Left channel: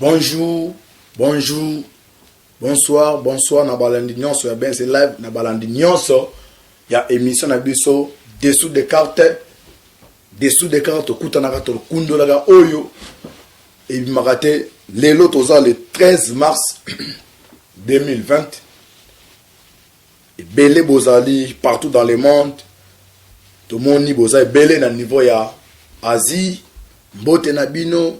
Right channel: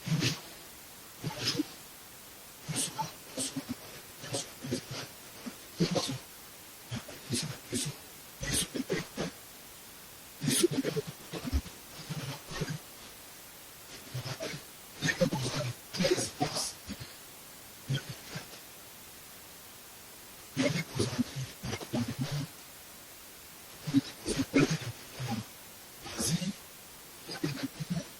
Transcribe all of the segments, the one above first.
Bonjour, bonjour, bonsoir, na balandi nyonso ya ben c'est live na balandi nyonso ya émission na biso dessous des cartes kutanaka to kundolaga oyo et makate lelo toza le 13 mars 2020 et belé bozali partout dans le monde tout le monde boza belé na niveau ya Asie mbote na bino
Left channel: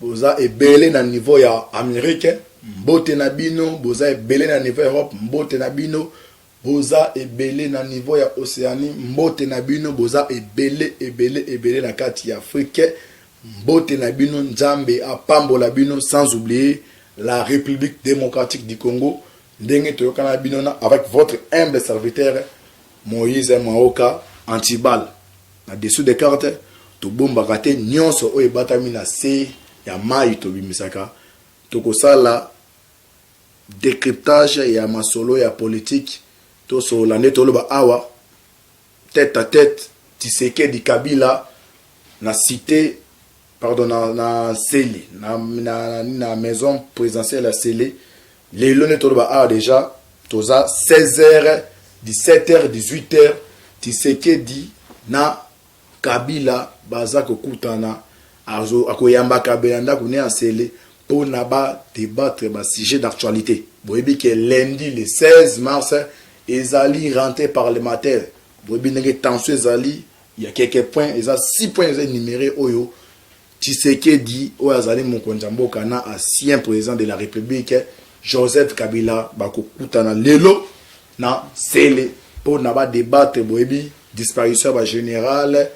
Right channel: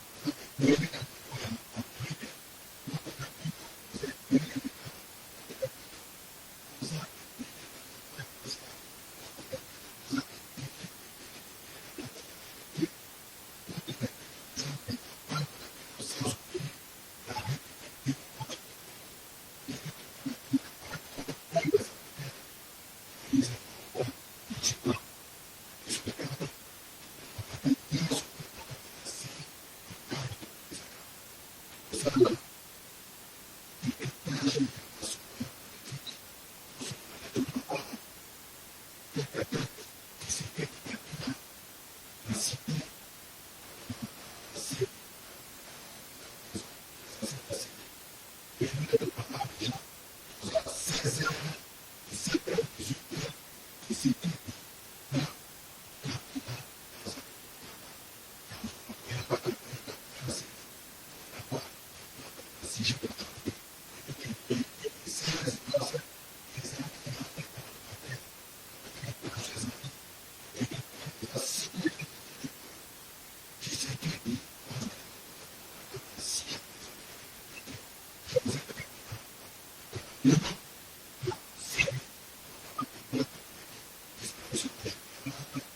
boza ebele na niveau ya Amérique mbote na bino boza ebele na niveau Europe mbote na bino boza ebele na niveau ya Océanie mbote na bino boza ebele na kati ya Afrique mbote na bino nzambe apambola bino sans oublier la République démocratique du Congo ndenge toyokana bino na avec votre humble serviteur Moïse Maoka Antibal na dessous des cartes to bomba kate nyonso oyo batami na se ya mai to bimisaka tokosala décryptage ya masolo ya politique to so la netoloba awa tête à tête Tshisekedi Kabila na cité pardon na Seli na maison présidentielle à Seli lelo netoloba awa déjà toza 16h 17h 18h Tshisekedi na Kabila baza kokutana akoyamba Kabila ndako ne asele pour naba débattre ba sujet d'actualité. Boyebi que lundi le 16 mars ezali rentrée parlementaire. Boyebi ndenge tension ezali il y a quelques points, il y a 6 points énumérés oyo Tshisekedi oyo azali mokonzi mboka na ancien président de la République Joseph Kabila bakokutana lelo na sele pour naba débattre boyebi disparition ba général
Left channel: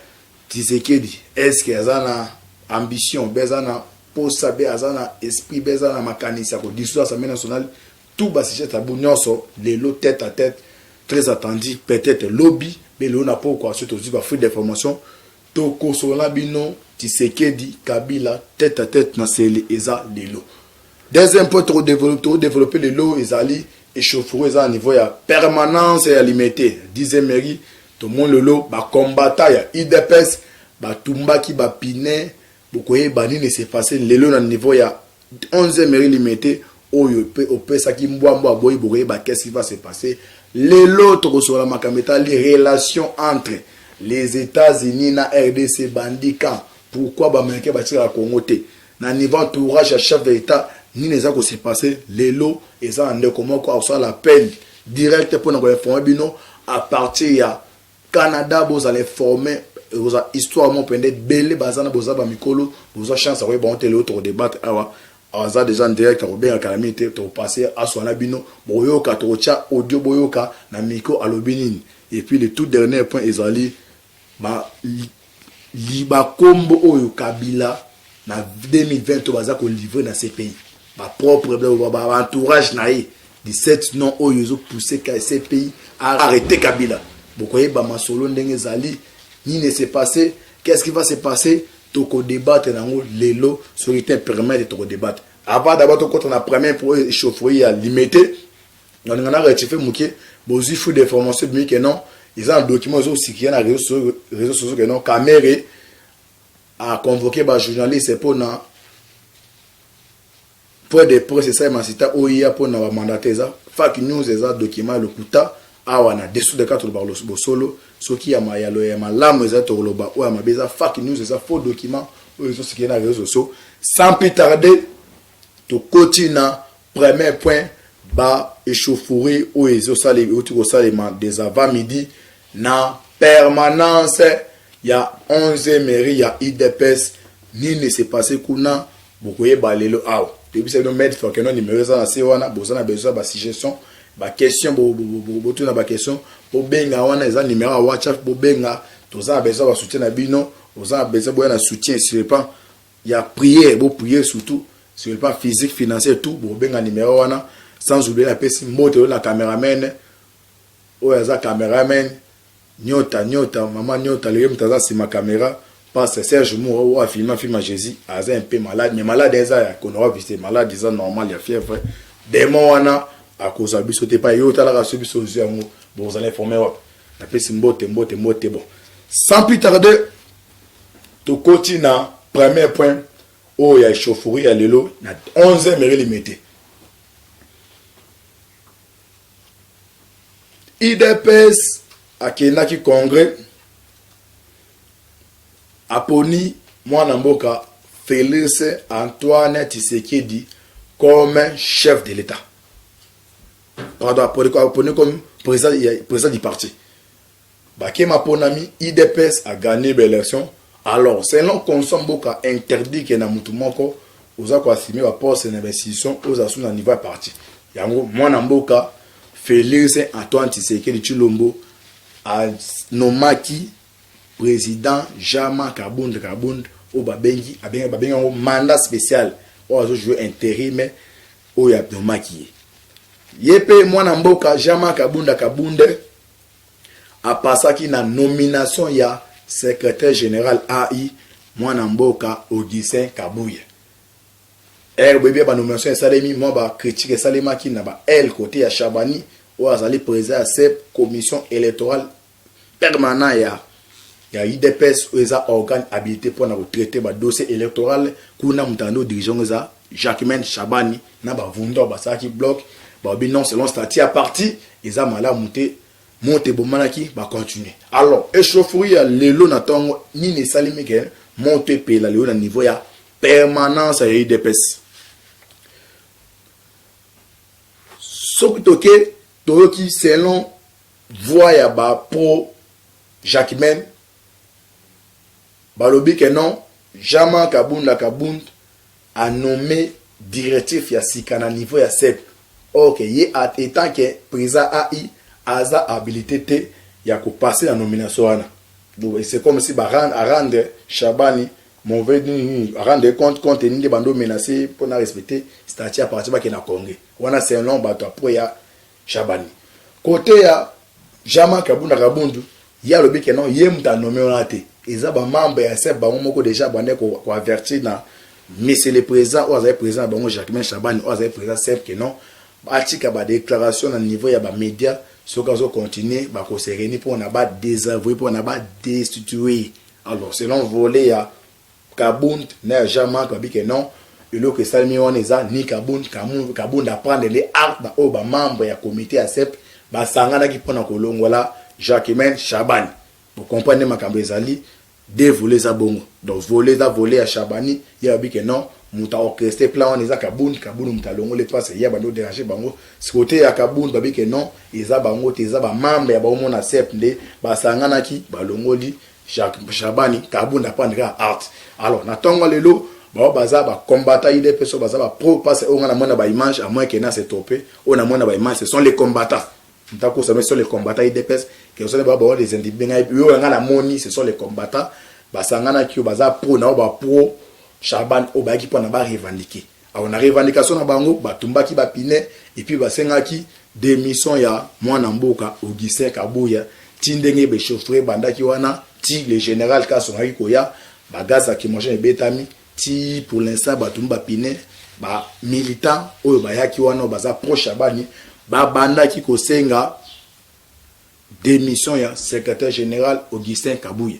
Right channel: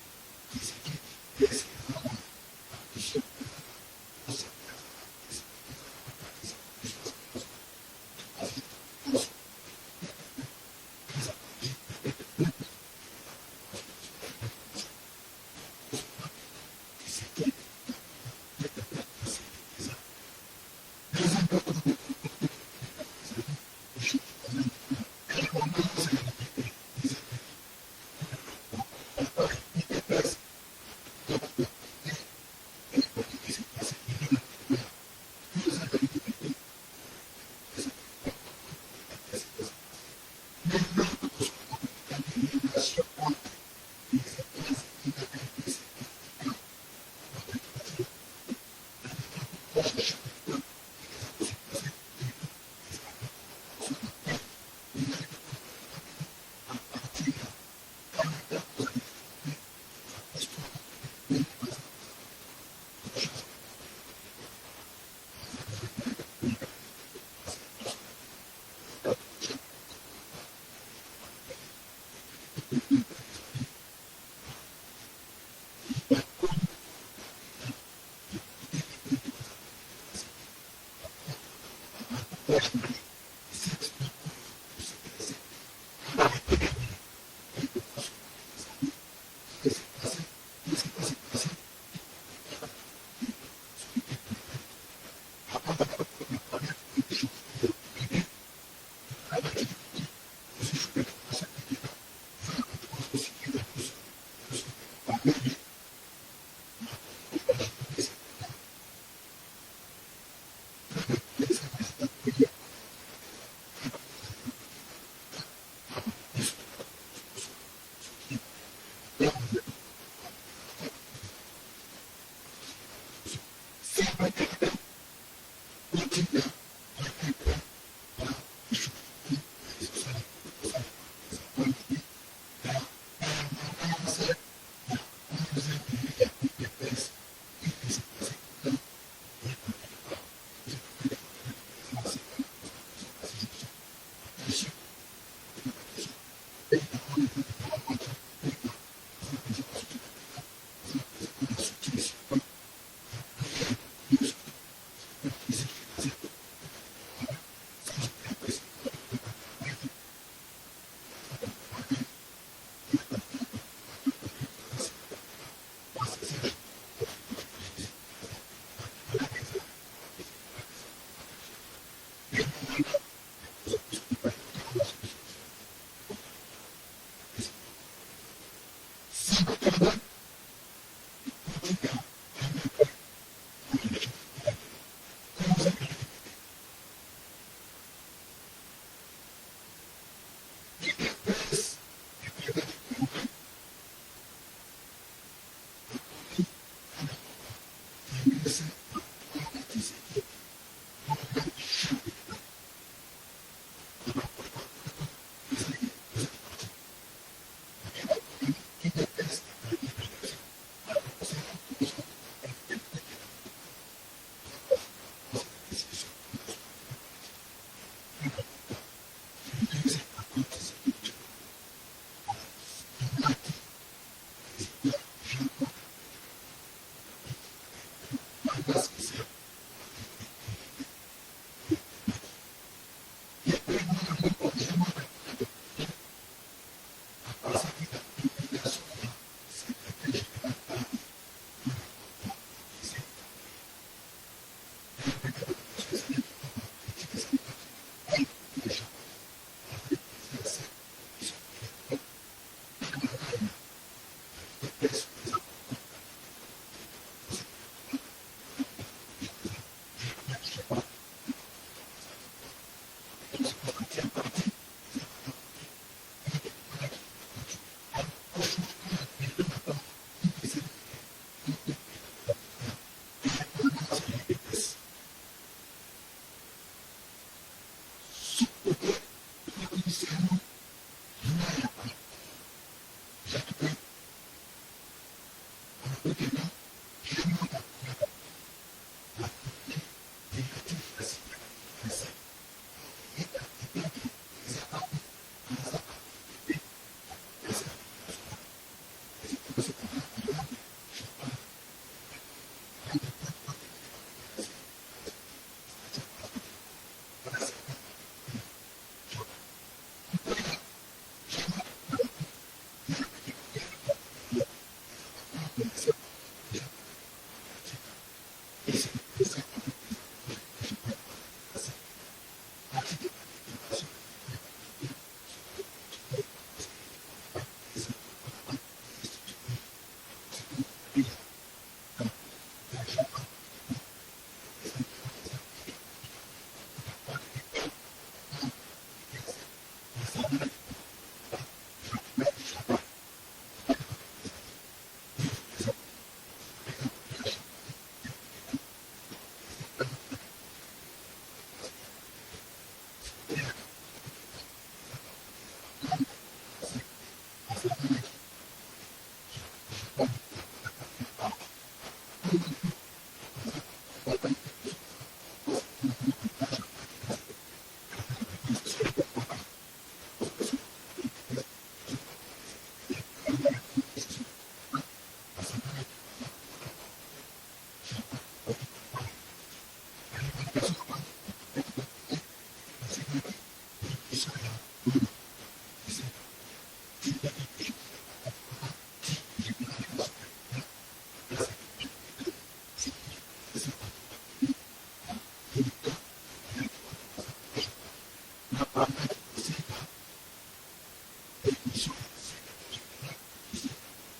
Tshisekedi est-ce que azana ambition bezana posa bezana esprit bezana makanisa ko dissoudre l'Assemblée nationale tout bas sujet tabou nyonso lelo tête à tête très attendu peut-être lobby mais l'on n'a pas quoi surtout ba fruit d'information to kosola bino Tshisekedi Kabila tête à tête na sele eza lelo deuxième point trop développer lelo ezali échauffourée à niveau ya permanence et limité 10e mairie tout le monde lelo ba combattant ya IDPS ba tumbaki ba pine bokoye bani ne s'est passé lelo na niveau ya 11e mairie limité oyo pe opesa ki mbwambo aboyi bokoye ba qu'est-ce qui va se passer lelo to sur la makameta les relations entre les États-Unis na RDC bandikan pourquoi ba américain ba tira Congo te na niveau entourage à chef d'État ni les a ko se passer lelo eza ande comment quoi sur l'appel direct pour nous informer bino à partir ya Canada vous allez former vous histoire mon pendant belé bazana boza ba mikolo vous chance à bon télé autour débattre awa aza déjà en direct au bien calamité to passer à sona bino boyoka to cha audio boyoka na miko alobinini et puis le tout dernier point ezali ba liba kombo oyo Kabila na 2020 baza ko livrer dans ces pays ba propre ba entourage naï 17 non oyo zo pousser ces pays à arrêter Kabila bokoye ba masolo ndenge zali ni ne s'est passé qu'est-ce qui va se passer toko débattre nango lelo sur le permet de toko débattre avant d'abord to contre na premier pour échauffoyer à limiter on a rectifié muké bozi fou d'information de que non ils ont un document aussi qui est na réseaux sociaux que non Caméré a convoqué ba journaliste pour na pour des presse ça mancita OIA pour na mandater ça fake news ça document le kuta awana dessous de quatre par le solo ce qui a mayalo ya malamu za toloba ou ma beza fake news ça faux document ou ce qui est na réseaux sociaux sans plus tarder to continue premier point ba échauffourée ou ezo sali autour salima des avant midi na permanence ya 11e mairie ya IDPS ni ne s'est passé kuna bokoye balelo aw depuis c'est no mettre faut que non numéro ça na sewana bozana besoin ba suggestion ba question bo tuna ba question bo benga wana eza numéro à WhatsApp bo benga toza besoin ba soutien na bino oza besoin boya na soutien sur le plan il y a prière bo prier surtout sur le plan physique financier tout bo benga numéro wana sans oublier la pesi moto na cameraman o eza cameraman nyota maman nyota le mtaza si ma caméra passe Serge Moura ou a filmé film Jésus aza un peu malade mais malade eza qu'on aura visité malade eza normal ya fièvre démon wana à cause de biso pas yo tala raso biso yango bon vous allez informer la pesi mbote bon sans plus tarder to continue premier point oyo ya échauffourée ya lelo na 11e mairie limité. IDPS akendaki congrès aponi mwana mboka Félix Antoine Tshisekedi comme chef de l'État. Pardon, aponi comme président du parti. Bakema Ponami, IDPS a gagné l'élection. Alors, selon Consomme Mboka interdit que na mutu moko oza ko assumer ba poste d'investissement aux asous na niveau parti. Yango mwana mboka Félix Antoine Tshisekedi Tshilombo a nomaki président Jama Kabund au babengi un mandat spécial au azo jouer intérim au ya nomaki. Yepe mwana mboka Jama Kabunda a passaki na nomination ya secrétaire général AI mwana mboka Augustin Kabuya. Bébé ba nomination salemi moi ba critique salema ki na ba L côté ya Chabani ou azali président cette commission électorale permanent ya IDPS ou eza organe habilité pour na traiter ba dossier électoral kuna mutando dirigeant za Jacquemain Chabani na ba vundo ba saki bloc ba bi non selon statut à parti eza mala monte bomanaki ba continuer. Alors échauffourée ya lelo na tongo ni ne salimi ke monte pe la lelo na niveau ya permanence ya IDPS. Sokutoke toyoki selon voix ya ba pro Jacquemain balobi que non Jama Kabunda a nommé directif ya sikana niveau ya CEP. OK, ye étant que président AI aza habilité te ya ko passer la nomination wana. Donc c'est comme si ba rendre Chabani mauvais rendre compte ni de bando menacé pour na respecter statut à partir ba ke na Congrès. Wana c'est un long bato pour ya Chabani. Côté ya Jama Kabunda ya lobi que non ye mta nommé wana te. Eza ba membre ya CEP ba moko déjà bande ko avertir na monsieur le président ou azay président bango Jacquemain Chabani ou azay président CEP que non atika ba déclaration na niveau ya ba média ce qu'on va continuer ba ko se réunir pour na ba désavouer pour na ba destituer. Alors selon volet ya Kabund na Jama Kabi que non le que salmi on eza ni Kabund apprendre les actes ba o ba membre ya comité ya CEP ba sangana ki pona ko longola Jacquemain Chabani. Vous comprenez ma kambezali de voler za bongo. Donc voler à Chabani, il y a que non, muta orchestré plan on eza Kabund muta longo le passe ya bando déranger bango. Ce côté ya Kabund babi que non, eza bango teza ba membre ya ba mona CEP nde ba sangana ki ba longo li Chabani Kabund apprendra art. Alors na tongo lelo ba baza ba combattant il des personnes baza ba pro passe on na mona ba image à moins que na se topé, on a mona ba image ce sont les combattants. Nous ça sur les combattants IDPS qui sont les individus na moni ce sont les combattants basangana ki baza pro na ba pro Chaban o ba ki pona ba revendiquer. On a revendication na bango batumbaki ba pine et puis basengaki démission ya mwana mboka Augustin Kabuya tindenge be chauffeur bandaki wana ti le général Kasonaki koya bagaza ki manger betami ti pour l'instant batumba pine ba militant oyo bayaki wana baza pro Chabani banda ki kosenga démission ya secrétaire général Augustin Kabuya.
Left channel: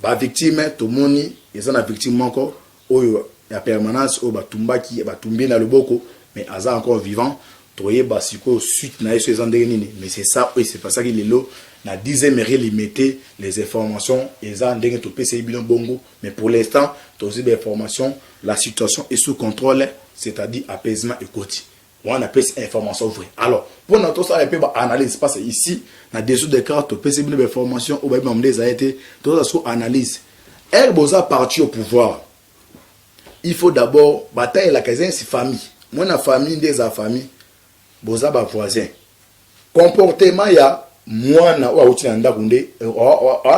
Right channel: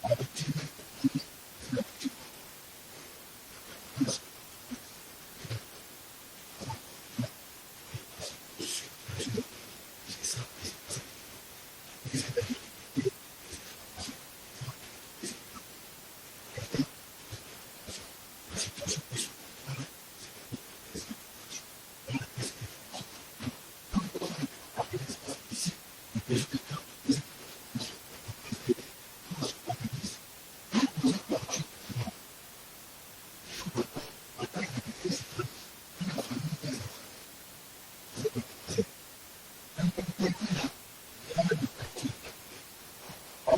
Ba victime to moni eza na victime encore oyo ya permanence o batumbaki batumbi na loboko mais aza encore vivant toye basiko suite na yeso ezandeli nini mais c'est ça et c'est pas ça qu'il est là na 10e mairie limité les informations eza ndenge to pese bilon bongo mais pour l'instant tozi des informations la situation est sous contrôle c'est-à-dire apaisement et quotidien. On appelle information vraie. Alors, pour notre ça, on peut analyse parce que ici, dans dessous des cartes, on peut se des informations ou même des a été, tout ça soit analyse. Boza parti au pouvoir. Il faut d'abord batailler la caserne si famille. Moi, la famille des famille, boza ba voisin. Comportement ya moi na ou outi nda kunde,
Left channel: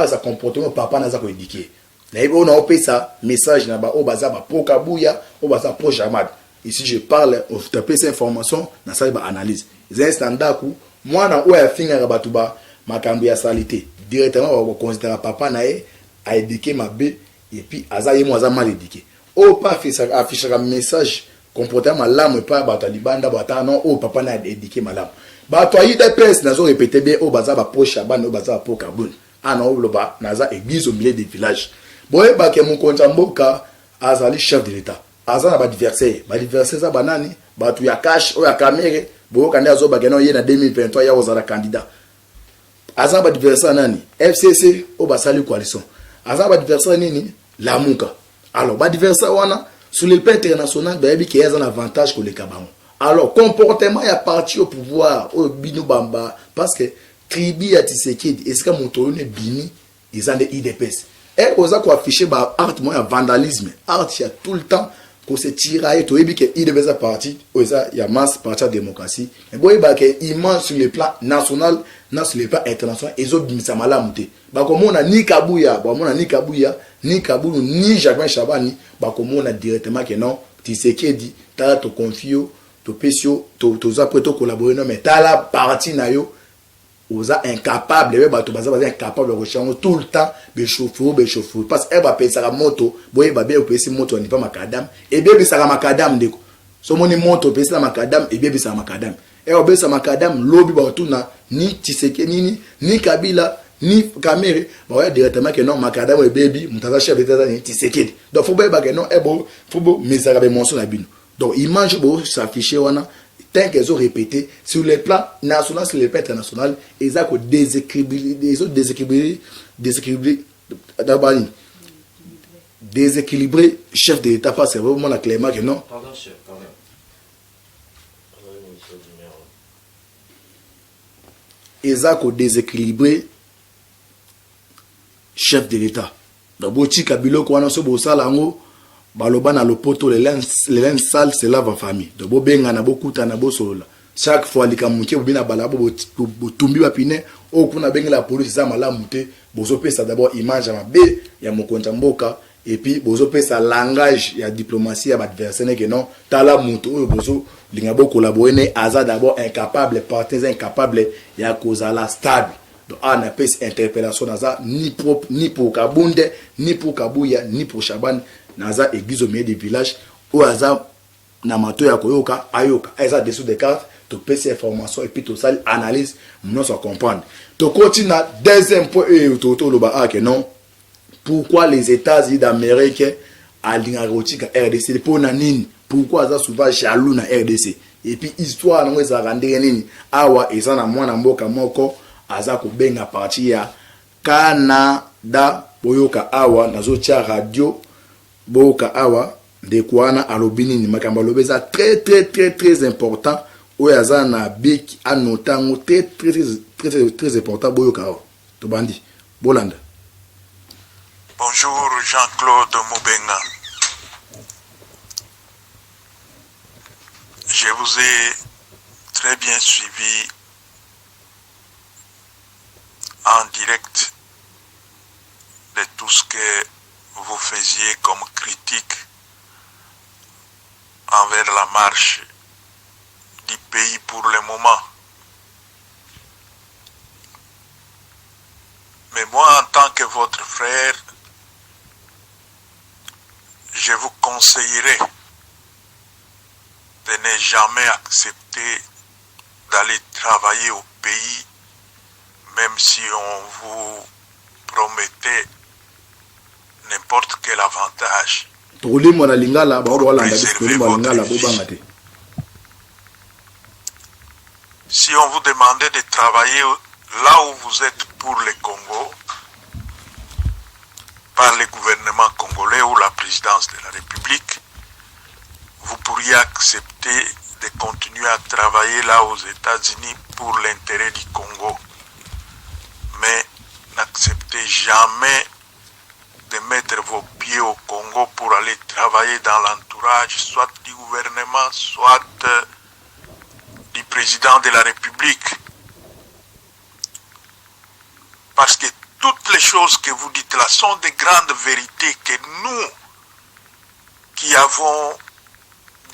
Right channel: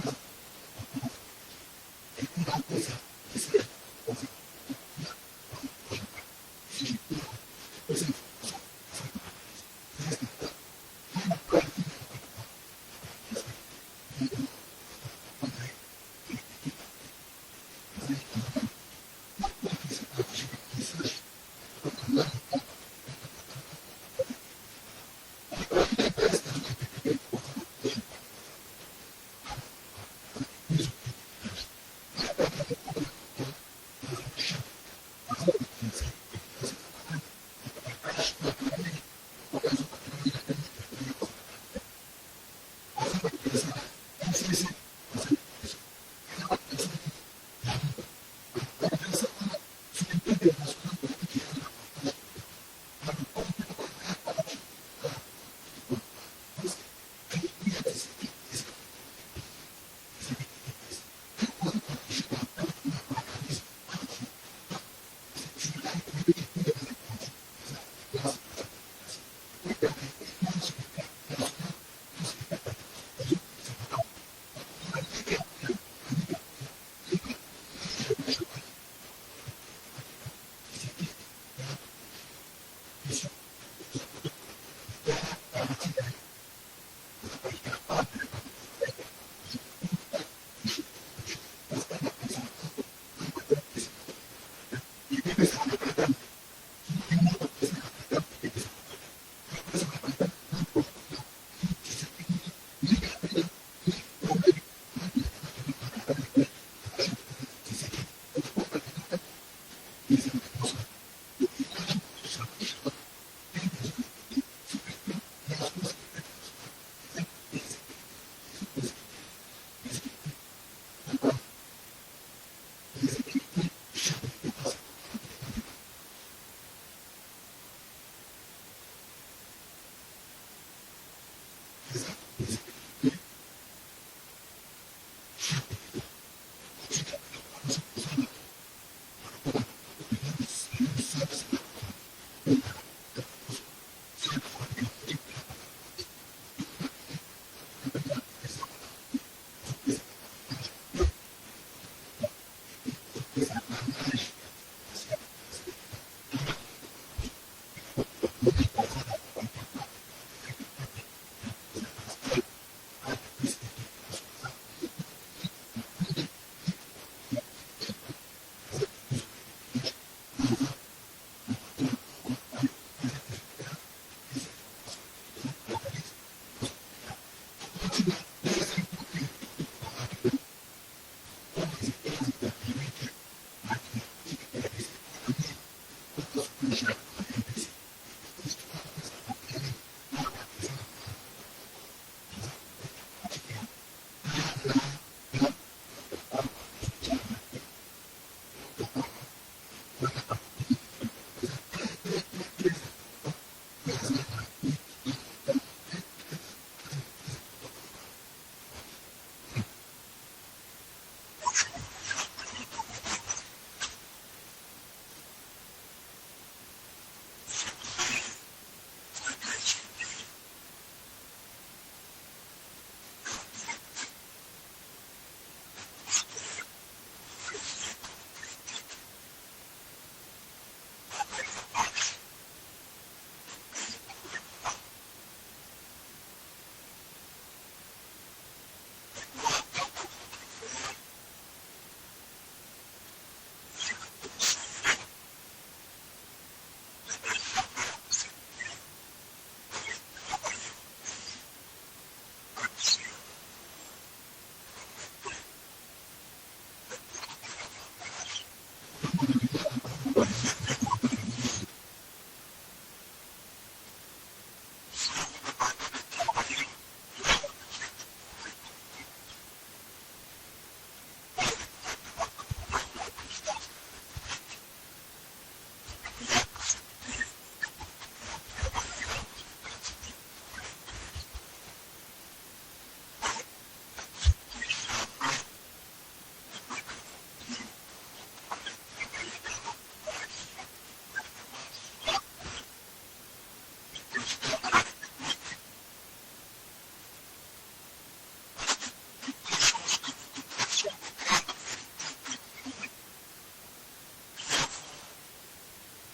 ça comportement papa na za ko éduquer. Là, on a opé ça message na ba o baza ba pro Kabuya, o baza pro Jamad. Ici, je parle, on tape ces informations, dans ça, il analyse. Les instants d'acoup, moi, dans où il y a fini à Rabatuba, ma cambia salité. Directement, on va considérer papa nae, a éduqué ma bé, et puis, azaye moi, a mal éduqué. Oh, pas afficher un message, comportement l'âme, pas batalibanda, bata, non, oh, papa n'a éduqué ma lame. Bah, toi, il y a des personnes, n'a répété bien, oh, baza, pro Chaban, oh, baza, pro Kaboun. Ah non, le bas, n'a église au milieu des villages. Bon, bah, que mon compte en boka, azali chef de l'état aza na badiversaire eza banani bato ya cash oyo ya kamere boyokande azobake no ye na 2023 ya kozala candidat aza na badiversaire nani FCC oyo basali coalition aza na badiversaire nini Lamuka. Alors badiversaire wana sur le plan international bayebi ke aza na avantage koleka bango. Alors comportement ya parti au pouvoir au bino bamba parce que tribu ya Tshisekedi esika moto ne bini ils ont des IDPS et oza ko afficher ba art moya vandalisme art ya tout le temps ko se tirailler to yebi ke IDPS parti oza ya masse parti de démocratie mais boy ba ke immense sur le plan national na sur le plan international ezo bimisa malamu te ba ko mona ni Kabuya ba mona ni Kabuya ni Kabulu ni Jacques Chabani ba ko mona directement que non Tshisekedi ta to confio to pesio to za preto collaborer non mais ta la parti na yo oza incapable ba to baza incapable de rechercher tout le temps be chauffer parce que ba pesa la moto boye ba bien pesa moto ni pas macadam et bien bisa macadam ndeko so moni moto pesa macadam et bien bisa macadam et obesa macadam lobby ba tuna ni Tshisekedi ni Kabila ni Kamere ba directement que non macadam et baby mutaza chef d'état ni Tshisekedi donc faut ba que non e bo faut bo misara be monso la bino. Donc, ils mangent beaucoup s'afficher, tant qu'ils ont répété, sur les plans national, sur les plans international, ils ont déséquilibré chef de l'État, parce que c'est vraiment la clément que non. Pardon, chef, pardon. Ils ont déséquilibré chef de l'État. Donc, si Kabila, quand on a ça, baloba na lopoto les lens sales se lave en famille donc bobenga na bokuta na bosolola chaque fois likamuke bobina balabo botumbi bapine o kuna benga la police za malamu te bozopesa d'abord image mabe ya mokonza mboka et puis bozopesa langage ya diplomatie ya adversaire que non tala muto o bozo linga bo collaborer ne aza d'abord incapable partenaire incapable ya kozala stable donc on a pes interpellation naza ni pour Kabunde ni pour Kabuya ni pour Chaban naza église au milieu des villages où aza na mato ya koyoka ayoka eza dessous des cartes to pesa information et puis to sali analyse nous ça comprendre to continue deuxième point et to lo ba que non pourquoi les États-Unis d'Amérique alinga rotika RDC pour na nini pourquoi aza souvent jaloux na RDC et puis histoire na ngeza randere nini awa eza na mwana mboka moko aza ko benga parti ya Canada boyoka awa nazo tia radio boka awa de kwana alobini ni makamba lobeza très important o yaza na big anotango très important boyoka awa to bandi bolanda. Bonjour Jean-Claude Moubenga. Je vous ai très bien suivi en direct de tout ce que vous faisiez comme critique envers la marche du pays pour le moment. Mais moi, en tant que votre frère, je vous conseillerais de ne jamais accepter d'aller travailler au pays, même si on vous promettait n'importe quel avantage. Si on vous demandait de travailler là où vous êtes pour le Congo, par le gouvernement congolais ou la présidence de la République, vous pourriez accepter de continuer à travailler là aux États-Unis pour l'intérêt du Congo. Mais n'acceptez jamais de mettre vos pieds au Congo pour aller travailler dans l'entourage, soit du gouvernement, soit du président de la République. Parce que toutes les choses que vous dites là sont des grandes vérités que nous, qui avons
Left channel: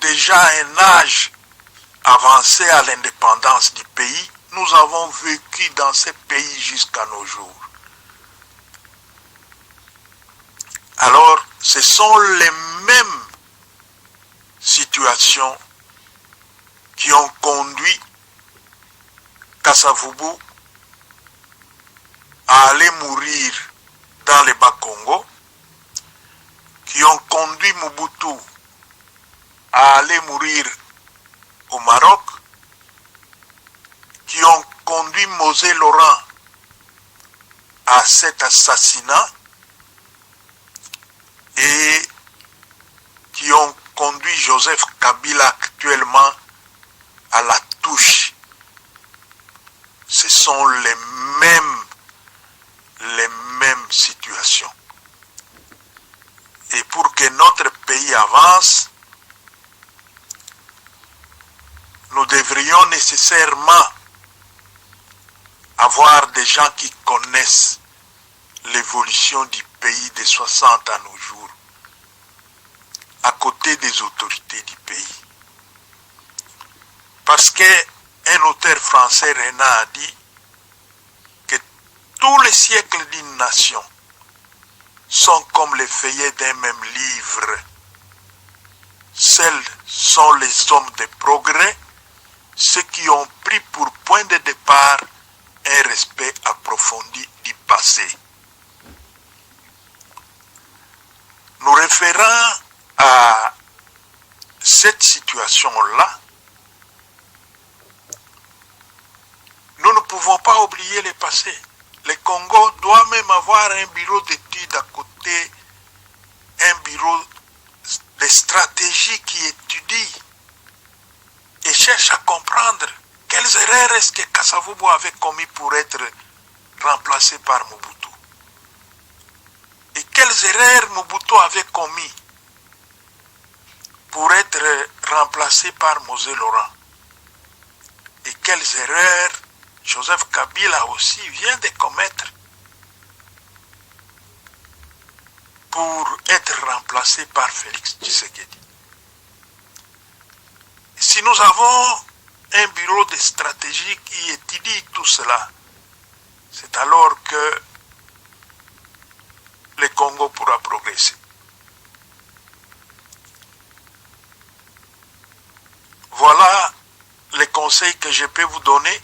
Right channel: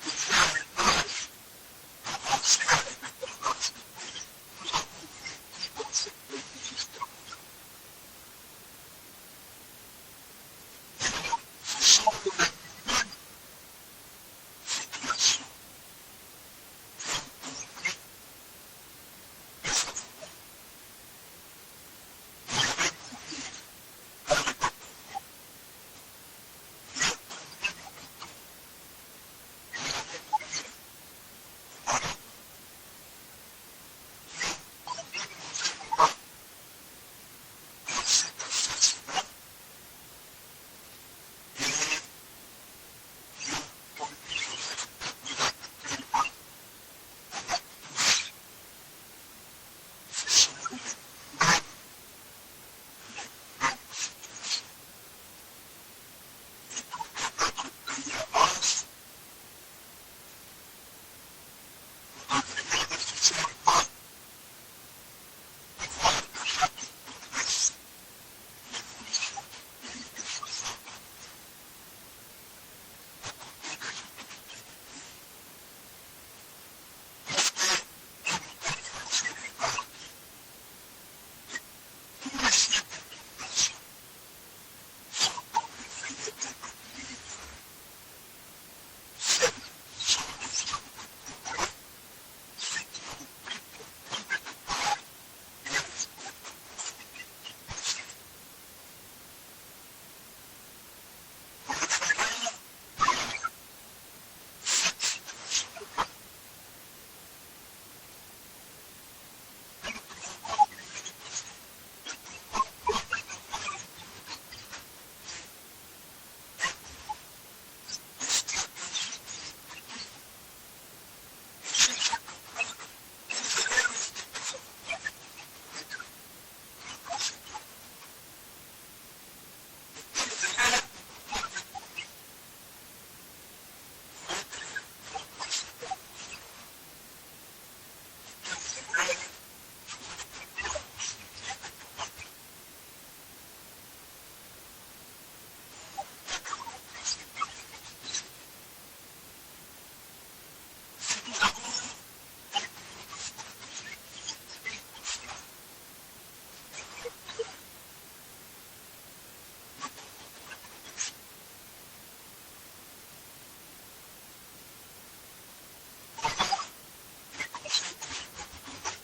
déjà un âge avancé à l'indépendance du pays, nous avons vécu dans ce pays jusqu'à nos jours. Alors, ce sont les mêmes situations qui ont conduit Kasavubu à aller mourir dans le Bas-Congo, qui ont conduit Mobutu à aller mourir au Maroc, qui ont conduit Mosé Laurent à cet assassinat et qui ont conduit Joseph Kabila actuellement à la touche. Ce sont les mêmes situations. Et pour que notre pays avance, nous devrions nécessairement avoir des gens qui connaissent l'évolution du pays des 60 à nos jours, à côté des autorités du pays. Parce qu'un auteur français, Renard, a dit que tous les siècles d'une nation sont comme les feuillets d'un même livre. Seuls sont les hommes de progrès, ceux qui ont pris pour point de départ un respect approfondi du passé. Nous référant à cette situation-là, nous ne pouvons pas oublier le passé. Le Congo doit même avoir un bureau d'études à côté, un bureau de stratégie qui étudie et cherche à comprendre quelles erreurs est-ce que Kasavubu avait commis pour être remplacé par Mobutu. Et quelles erreurs Mobutu avait commis pour être remplacé par Mosé Laurent. Et quelles erreurs Joseph Kabila aussi vient de commettre pour être remplacé par Félix Tshisekedi. Si nous avons un bureau de stratégie qui étudie tout cela, c'est alors que le Congo pourra progresser. Voilà les conseils que je peux vous donner,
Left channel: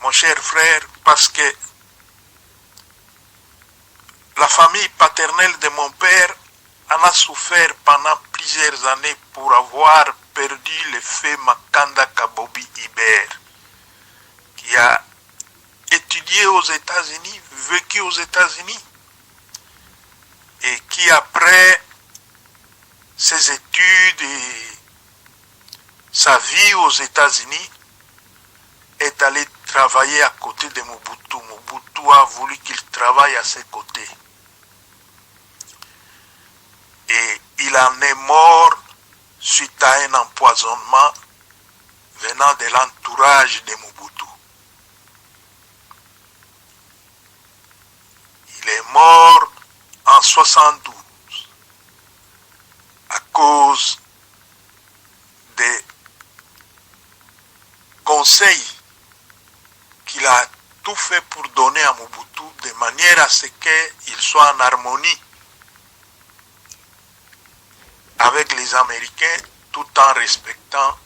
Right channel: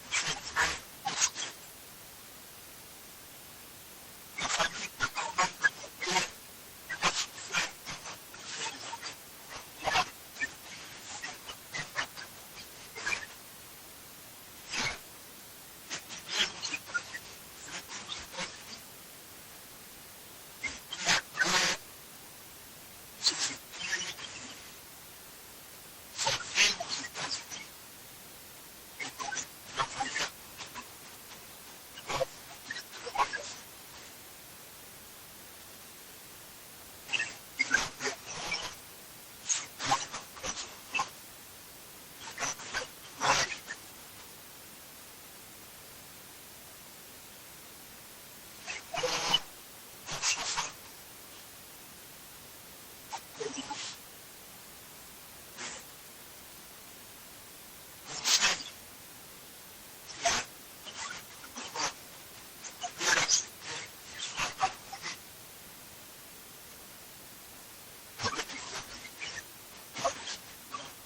mon cher frère, parce que la famille paternelle de mon père en a souffert pendant plusieurs années pour avoir perdu le feu Makanda Kabobi Iber, qui a étudié aux États-Unis, vécu aux États-Unis, et qui après ses études et sa vie aux États-Unis est allé travailler à côté de Mobutu. Mobutu a voulu qu'il travaille à ses côtés. Et il en est mort suite à un empoisonnement venant de l'entourage de Mobutu. Il est mort en 1972 à cause des conseils qu'il a tout fait pour donner à Mobutu de manière à ce qu'il soit en harmonie avec les Américains tout en respectant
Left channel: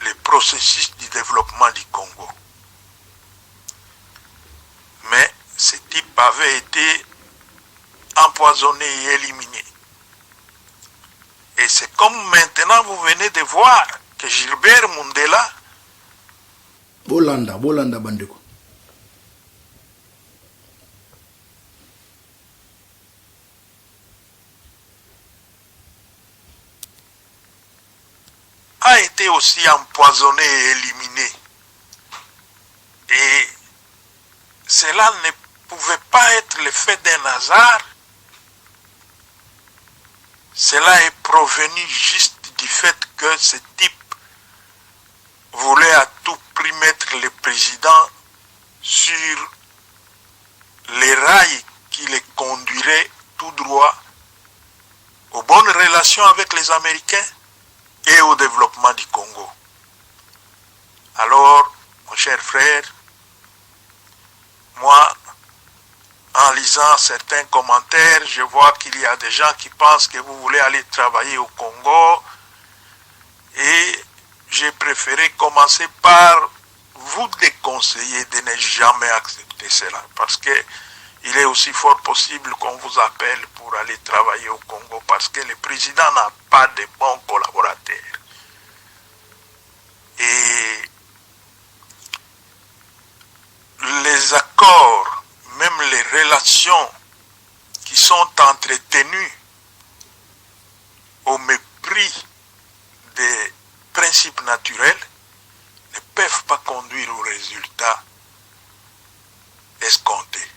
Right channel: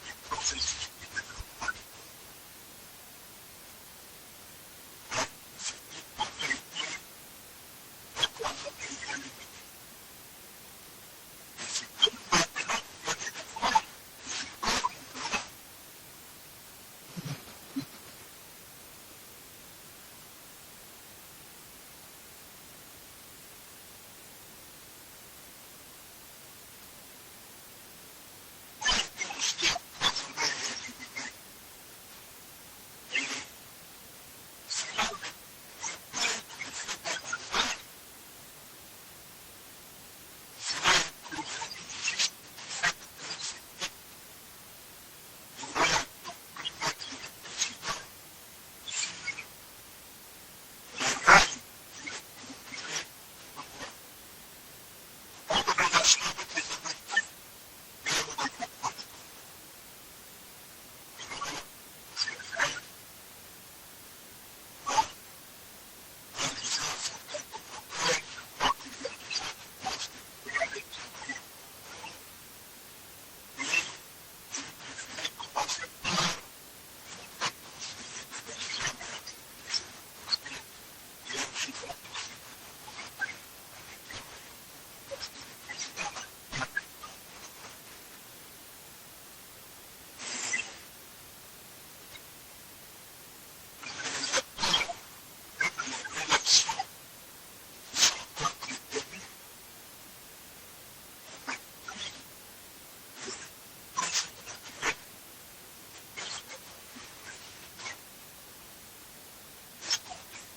le processus du développement du Congo. Mais ce type avait été empoisonné et éliminé. Et c'est comme maintenant vous venez de voir que Gilbert Mundela Bolanda Bandeko a été aussi empoisonné et éliminé. Et cela ne pouvait pas être le fait d'un hasard. Cela est provenu juste du fait que ce type voulait à tout prix mettre le président sur les rails qui le conduiraient tout droit aux bonnes relations avec les Américains et au développement du Congo. Alors, mon cher frère, moi, en lisant certains commentaires, je vois qu'il y a des gens qui pensent que vous voulez aller travailler au Congo et j'ai préféré commencer par vous déconseiller de ne jamais accepter cela parce que il est aussi fort possible qu'on vous appelle pour aller travailler au Congo parce que le président n'a pas de bons collaborateurs. Et les accords, même les relations qui sont entretenues au mépris des principes naturels ne peuvent pas conduire aux résultats escomptés.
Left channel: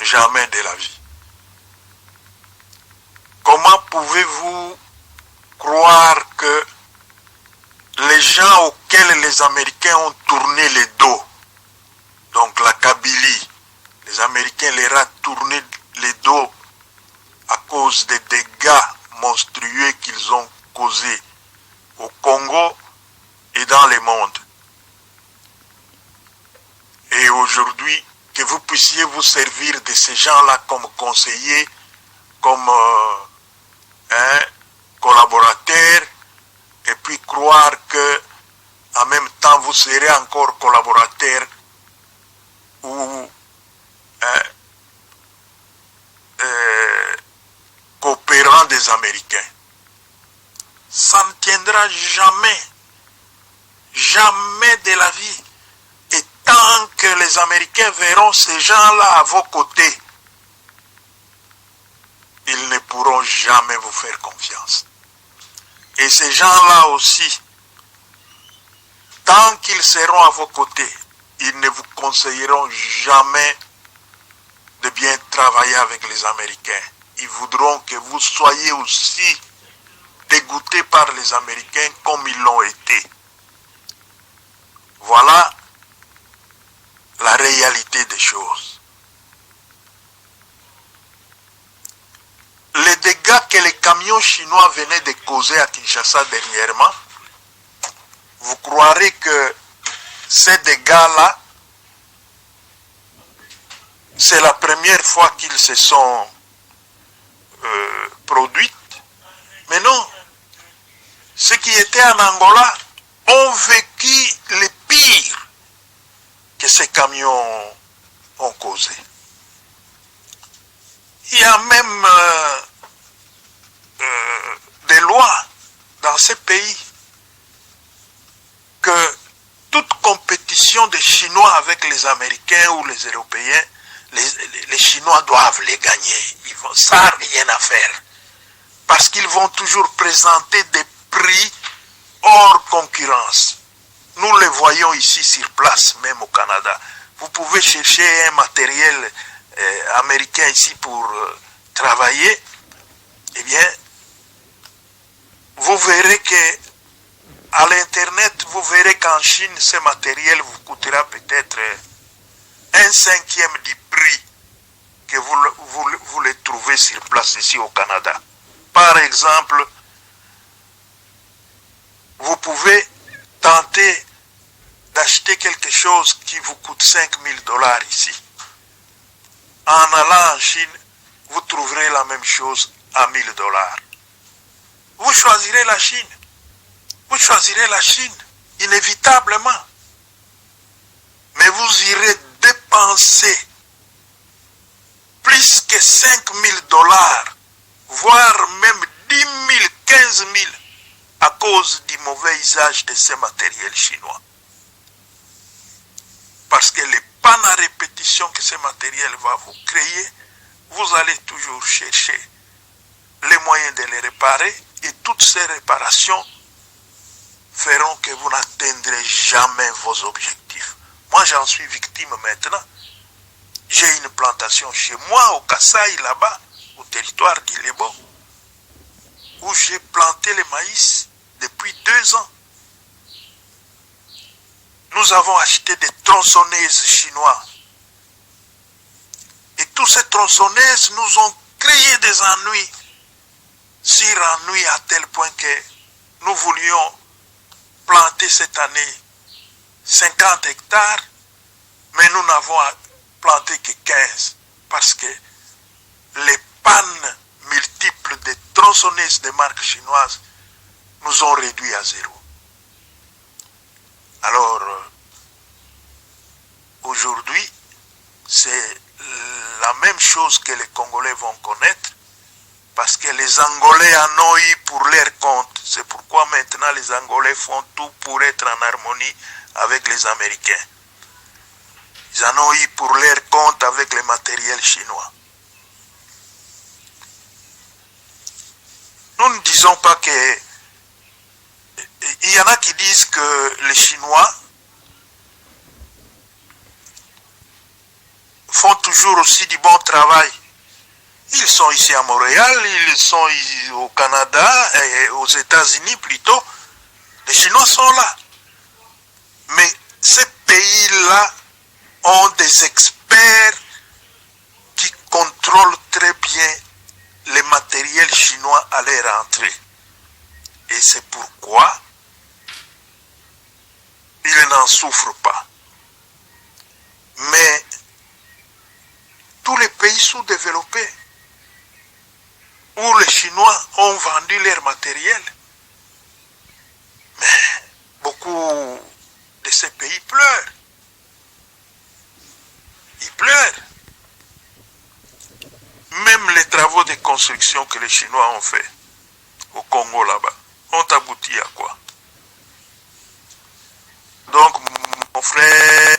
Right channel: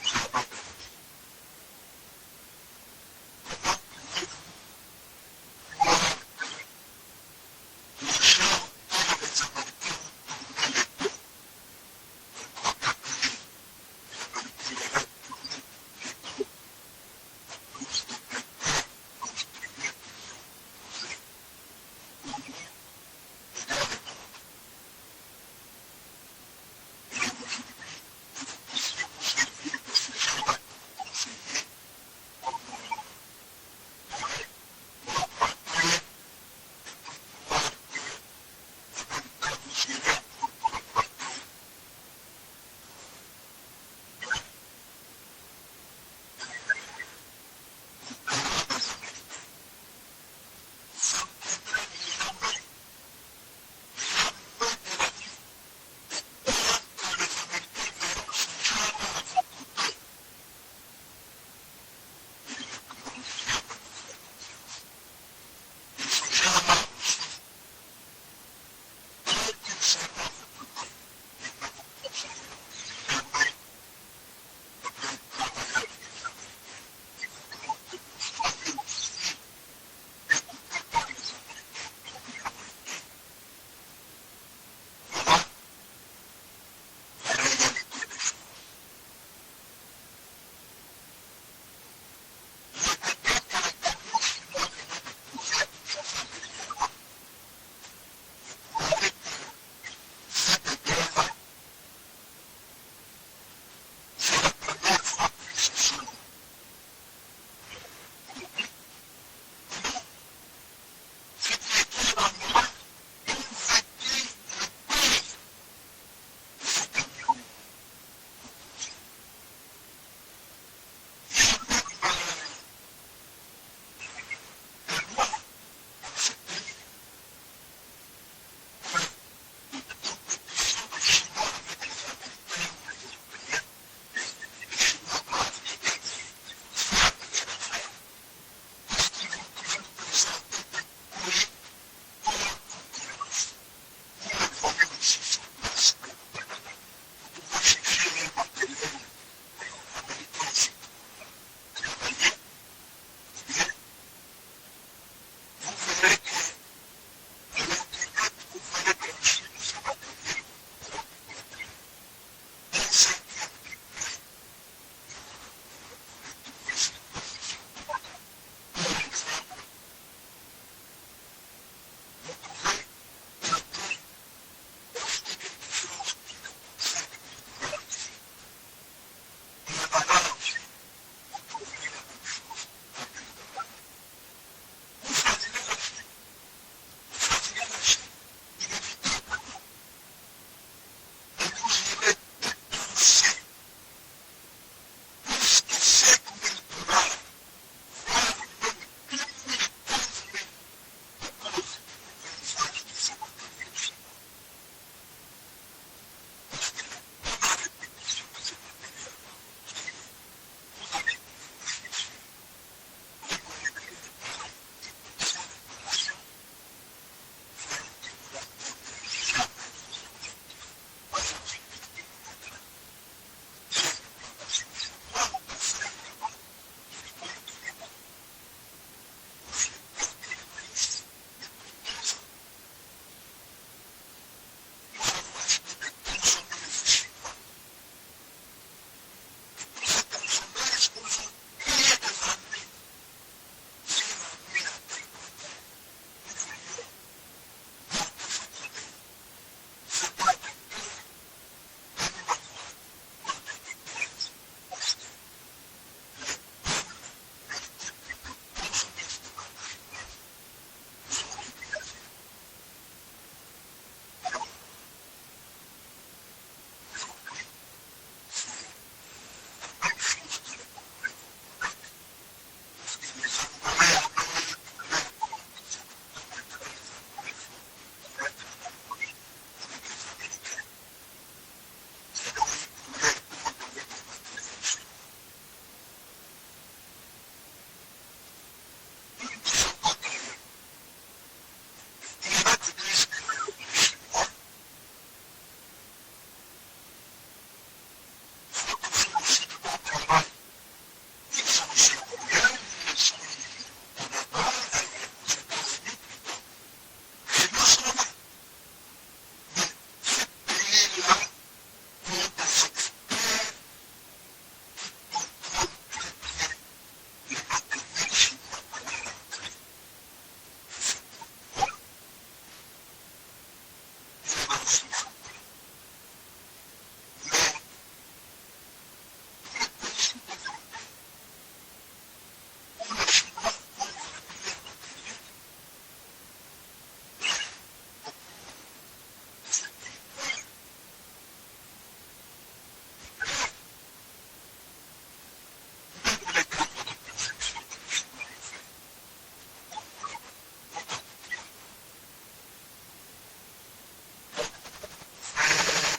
Jamais de la vie. Comment pouvez-vous croire que les gens auxquels les Américains ont tourné le dos, donc la Kabylie, les Américains leur ont tourné le dos à cause des dégâts monstrueux qu'ils ont causés au Congo et dans le monde. Et aujourd'hui, que vous puissiez vous servir de ces gens-là comme conseillers, comme collaborateurs, et puis croire que en même temps vous serez encore collaborateurs ou coopérants des Américains. Ça ne tiendra jamais, jamais de la vie. Et tant que les Américains verront ces gens-là à vos côtés, ils ne pourront jamais vous faire confiance. Et ces gens-là aussi, tant qu'ils seront à vos côtés, ils ne vous conseilleront jamais de bien travailler avec les Américains. Ils voudront que vous soyez aussi dégoûtés par les Américains comme ils l'ont été. Voilà la réalité des choses. Les dégâts que les camions chinois venaient de causer à Kinshasa dernièrement, vous croirez que ces dégâts-là, c'est la première fois qu'ils se sont produits. Mais non, ceux qui étaient en Angola ont vécu le pire que ces camions ont causé. Il y a même des lois dans ces pays que toute compétition des Chinois avec les Américains ou les Européens, les Chinois doivent les gagner. Ça n'a rien à faire. Parce qu'ils vont toujours présenter des prix hors concurrence. Nous les voyons ici sur place, même au Canada. Vous pouvez chercher un matériel américain ici pour travailler. Eh bien, vous verrez que à l'internet, vous verrez qu'en Chine, ce matériel vous coûtera peut-être 1/5 du prix que vous le trouvez sur place ici au Canada. Par exemple, vous pouvez tenter d'acheter quelque chose qui vous coûte $5,000 ici. En allant en Chine, vous trouverez la même chose à $1,000. Vous choisirez la Chine. Vous choisirez la Chine, inévitablement. Mais vous irez dépenser plus que $5,000, voire même 10 000, 15 000, à cause du mauvais usage de ces matériels chinois. Parce que les pannes à répétition que ce matériel va vous créer, vous allez toujours chercher les moyens de les réparer, et toutes ces réparations feront que vous n'atteindrez jamais vos objectifs. Moi, j'en suis victime maintenant. J'ai une plantation chez moi, au Kasaï, là-bas, au territoire d'Ilebo, où j'ai planté le maïs depuis 2 ans. Nous avons acheté des tronçonneuses chinoises. Et toutes ces tronçonneuses nous ont créé des ennuis. Sur ennuis à tel point que nous voulions planter cette année 50 hectares, mais nous n'avons planté que 15 parce que les pannes multiples de tronçonneuses de marque chinoise nous ont réduit à 0. Alors, aujourd'hui, c'est la même chose que les Congolais vont connaître, parce que les Angolais en ont eu pour leur compte. C'est pourquoi maintenant les Angolais font tout pour être en harmonie avec les Américains. Ils en ont eu pour leur compte avec les matériels chinois. Nous ne disons pas que... Il y en a qui disent que les Chinois font toujours aussi du bon travail. Ils sont ici à Montréal, ils sont au Canada et aux États-Unis plutôt. Les Chinois sont là. Mais ces pays-là ont des experts qui contrôlent très bien les matériels chinois à leur entrée. Et c'est pourquoi ils n'en souffrent pas. Mais tous les pays sous-développés où les Chinois ont vendu leur matériel, mais beaucoup de ces pays pleurent. Ils pleurent. Même les travaux de construction que les Chinois ont fait au Congo là-bas ont abouti à quoi? Donc, mon frère,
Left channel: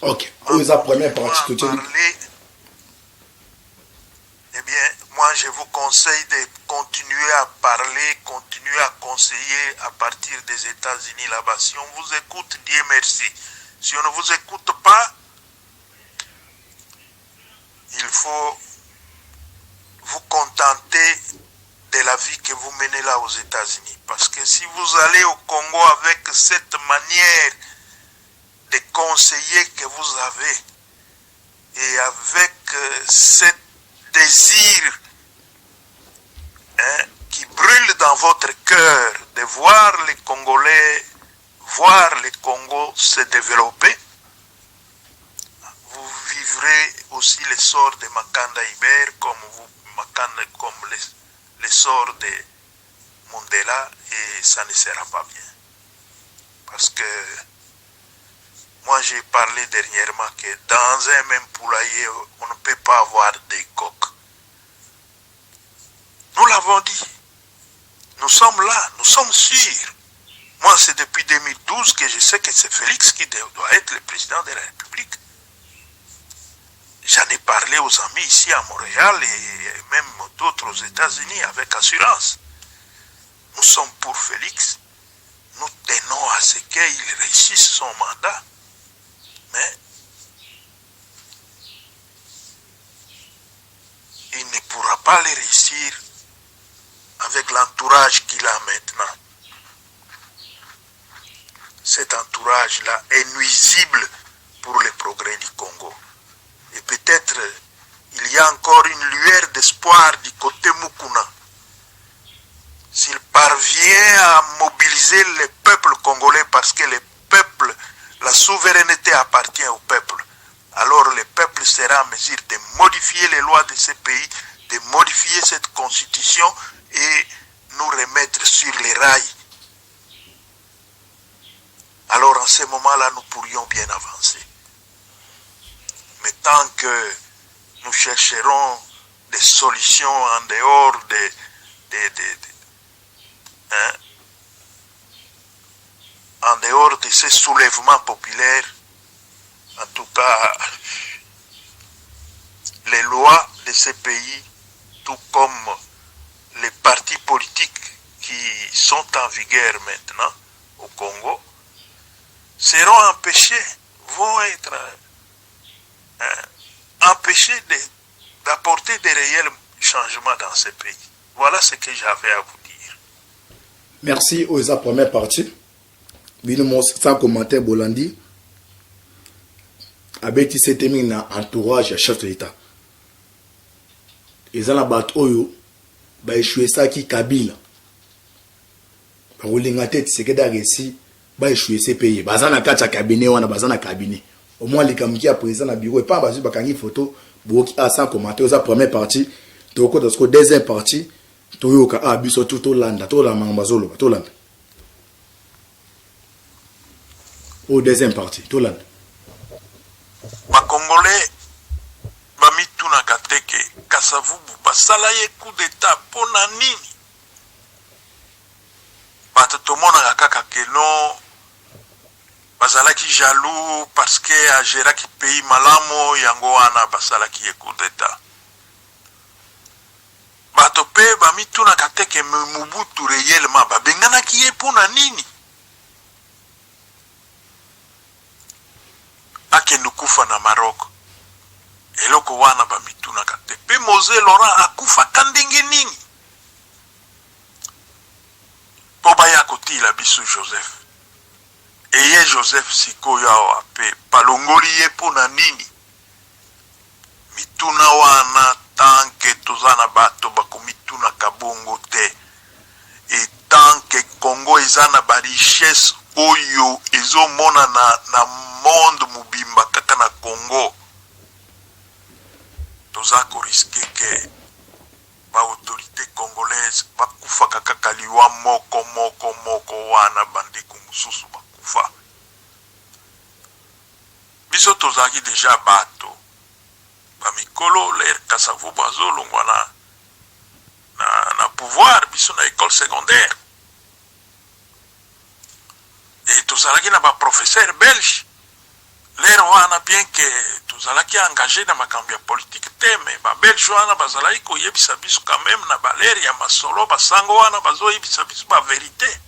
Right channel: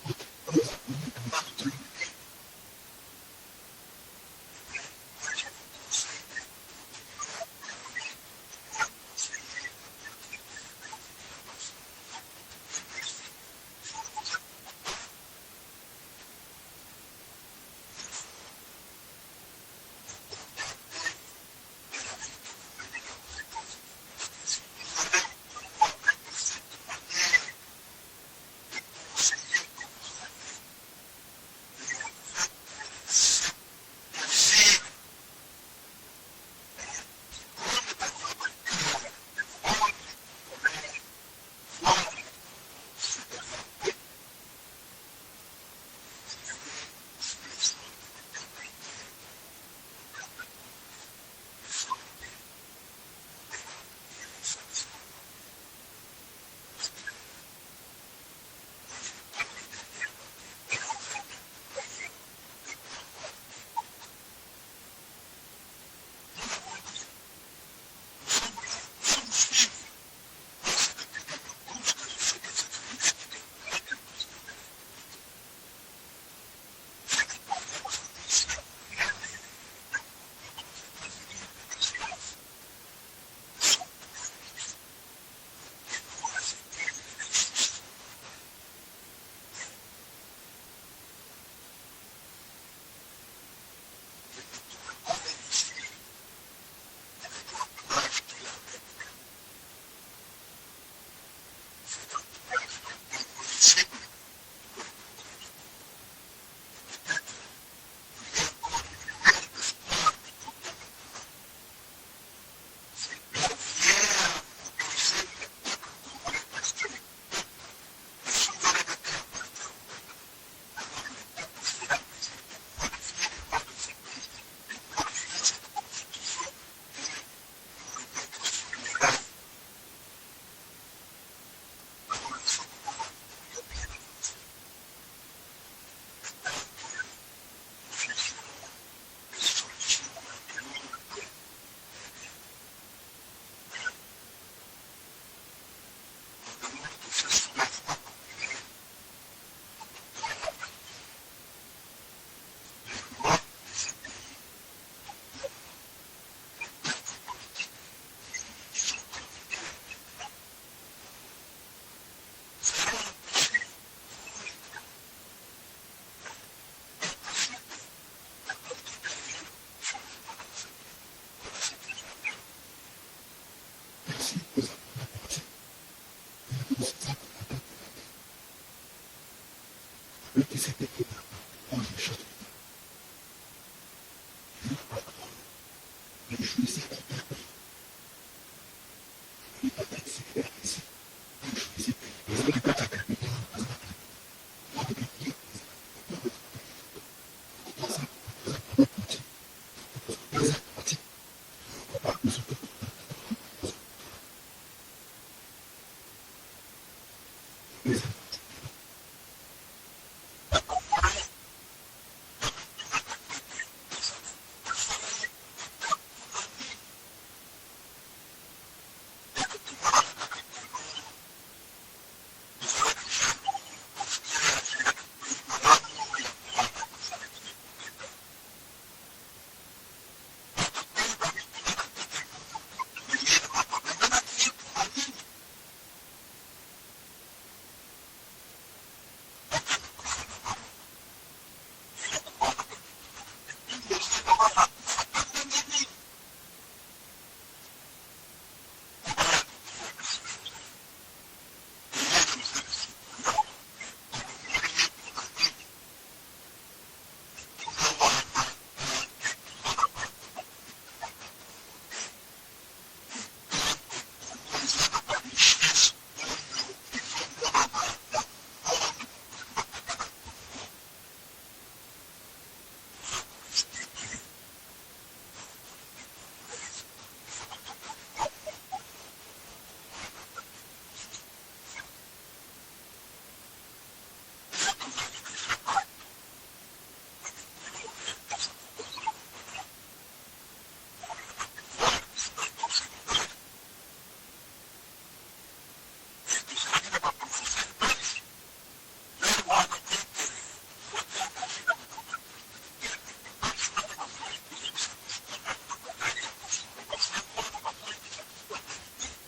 ok, la première partie, eh bien, moi je vous conseille de continuer à parler, continuer à conseiller à partir des États-Unis là-bas. Si on vous écoute, Dieu merci. Si on ne vous écoute pas, il faut vous contenter de la vie que vous menez là aux États-Unis. Parce que si vous allez au Congo avec cette manière de conseiller que vous avez et avec ce désir qui brûle dans votre cœur de voir les Congolais, voir le Congo se développer, vous vivrez aussi les sorts de Makanda Iber comme les sorts de Mandela, et ça ne sera pas bien. Parce que moi j'ai parlé dernièrement que dans un même poulailler, on ne peut pas avoir des coqs. Nous l'avons dit. Nous sommes là, nous sommes sûrs. Moi c'est depuis 2012 que je sais que c'est Félix qui doit être le président de la République. J'en ai parlé aux amis ici à Montréal et même d'autres aux États-Unis avec assurance. Nous sommes pour Félix. Nous tenons à ce qu'il réussisse son mandat. Mais il ne pourra pas le réussir avec l'entourage qu'il a maintenant. Cet entourage-là est nuisible pour le progrès du Congo. Et peut-être il y a encore une lueur d'espoir du côté Mukuna. S'il parvient à mobiliser le peuple congolais, parce que le peuple, la souveraineté appartient au peuple, alors le peuple sera en mesure de modifier les lois de ce pays, de modifier cette constitution et nous remettre sur les rails. Alors en ce moment-là, nous pourrions bien avancer. Mais tant que nous chercherons des solutions en dehors en dehors de ces soulèvements populaires, en tout cas, les lois de ces pays, tout comme les partis politiques qui sont en vigueur maintenant au Congo, seront empêchés, vont être empêchés d'apporter des réels changements dans ces pays. Voilà ce que j'avais à vous dire. Merci aux première partie. Bino sans commentaire Bolandi. Abeti setemi na entourage à chef de l'État. Ils ont la batte oyo ba échoué ça qui Kabila. Ba rolinga tête c'est que d'arrêter ba échoué ces pays. Bazana kacha cabinet wana bazana cabinet. Au moins les kamki à président na bureau et pas basu ba kangi photo boki a sans commentaire aux première partie. Toko dans ce deuxième partie toyoka a biso tout landa to la mangazolo to landa. au deuxième partie tolanda bakongolais bamitunaka te ke Kasavubu basala ye coup d'état mpona nini bato tomonaka kaka keno bazalaki jaloux parce que ageraki pays malamu yango wana basalaki ye coup d'état bato mpe bamitunaka te ke Mobutu réellement babenganaki ye mpona nini akende kufa na Maroc eloko wana bamitunaka te mpe Mose Laurent akufaka ndenge nini mpo baya kotila biso Joseph eye Joseph sikoyo awa mpe balongoli ye mpona nini mituna wana tanke toza na bato bakomitunaka bongo te etanke Congo eza na barichesse oyo ezomona na monde mobimba kaka na Congo toza koriske ke baautorité congolaise bakufaka kaka liwa moko wana bandeko mosusu bakufa biso tozalaki deja bato bamikolo ler Kasavubu azolongwa na pouvoir biso na école secondaire et tozalaki na baprofesseur belge ler wana bien ke tozalaki engagé na makambo ya politique te me babelge wana bazalaki koyebisa biso quand même na baleri ya masolo basango wana bazoyebisa biso baverité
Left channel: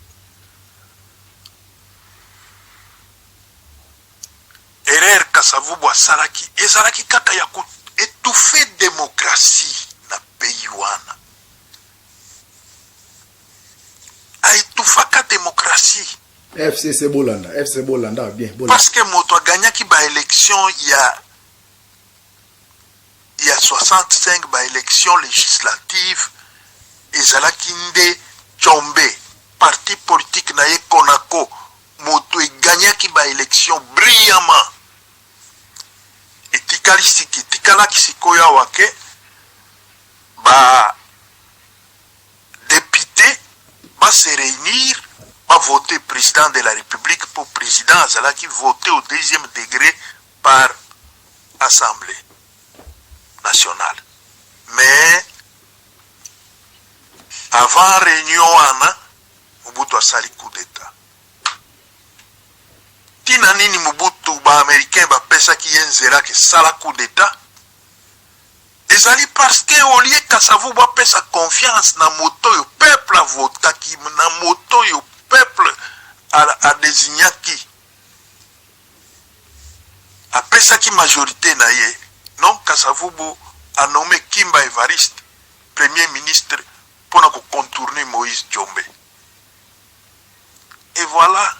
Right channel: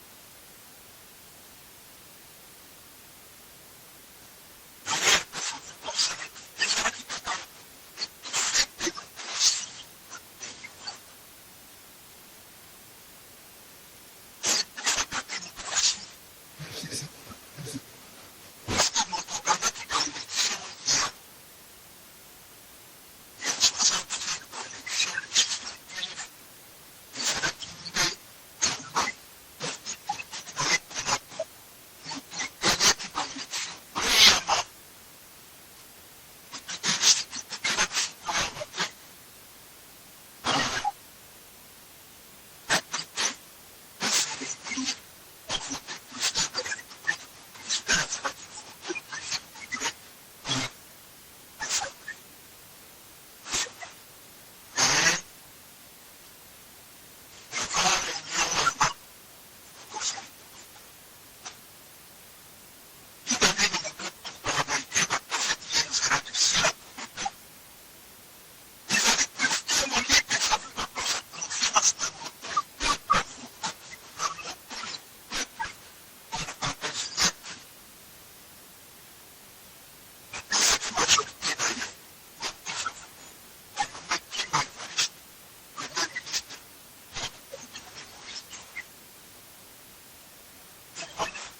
erreur Kasavubu asalaki ezalaki kaka ya koétouffe démocratie na pays wana aétouffaka démocratie FCC Bolanda bien parce que moto aganyaki ba élection ya 65 ba élection législative ezalaki nde Tshombe parti politique na ye Konako moto eganyaki ba élection brillamment etikalaki sikoyo awa ke ba député va se réunir va voter président de la République pour président azalaki voté au deuxième degré par Assemblée nationale. Mais avant réunion wana Mobutu asali coup d'état. Tina nini Mobutu ba américain ba pesaki yenzera ke sala coup d'état? Ezali parce que au lieu Kasavubu apesa confiance na moto yo peuple a votaki na moto yo peuple a désignaki a pesaki majorité na ye non Kasavubu a nommé Kimba Evariste premier ministre pour na contourner Moïse Tshombe et voilà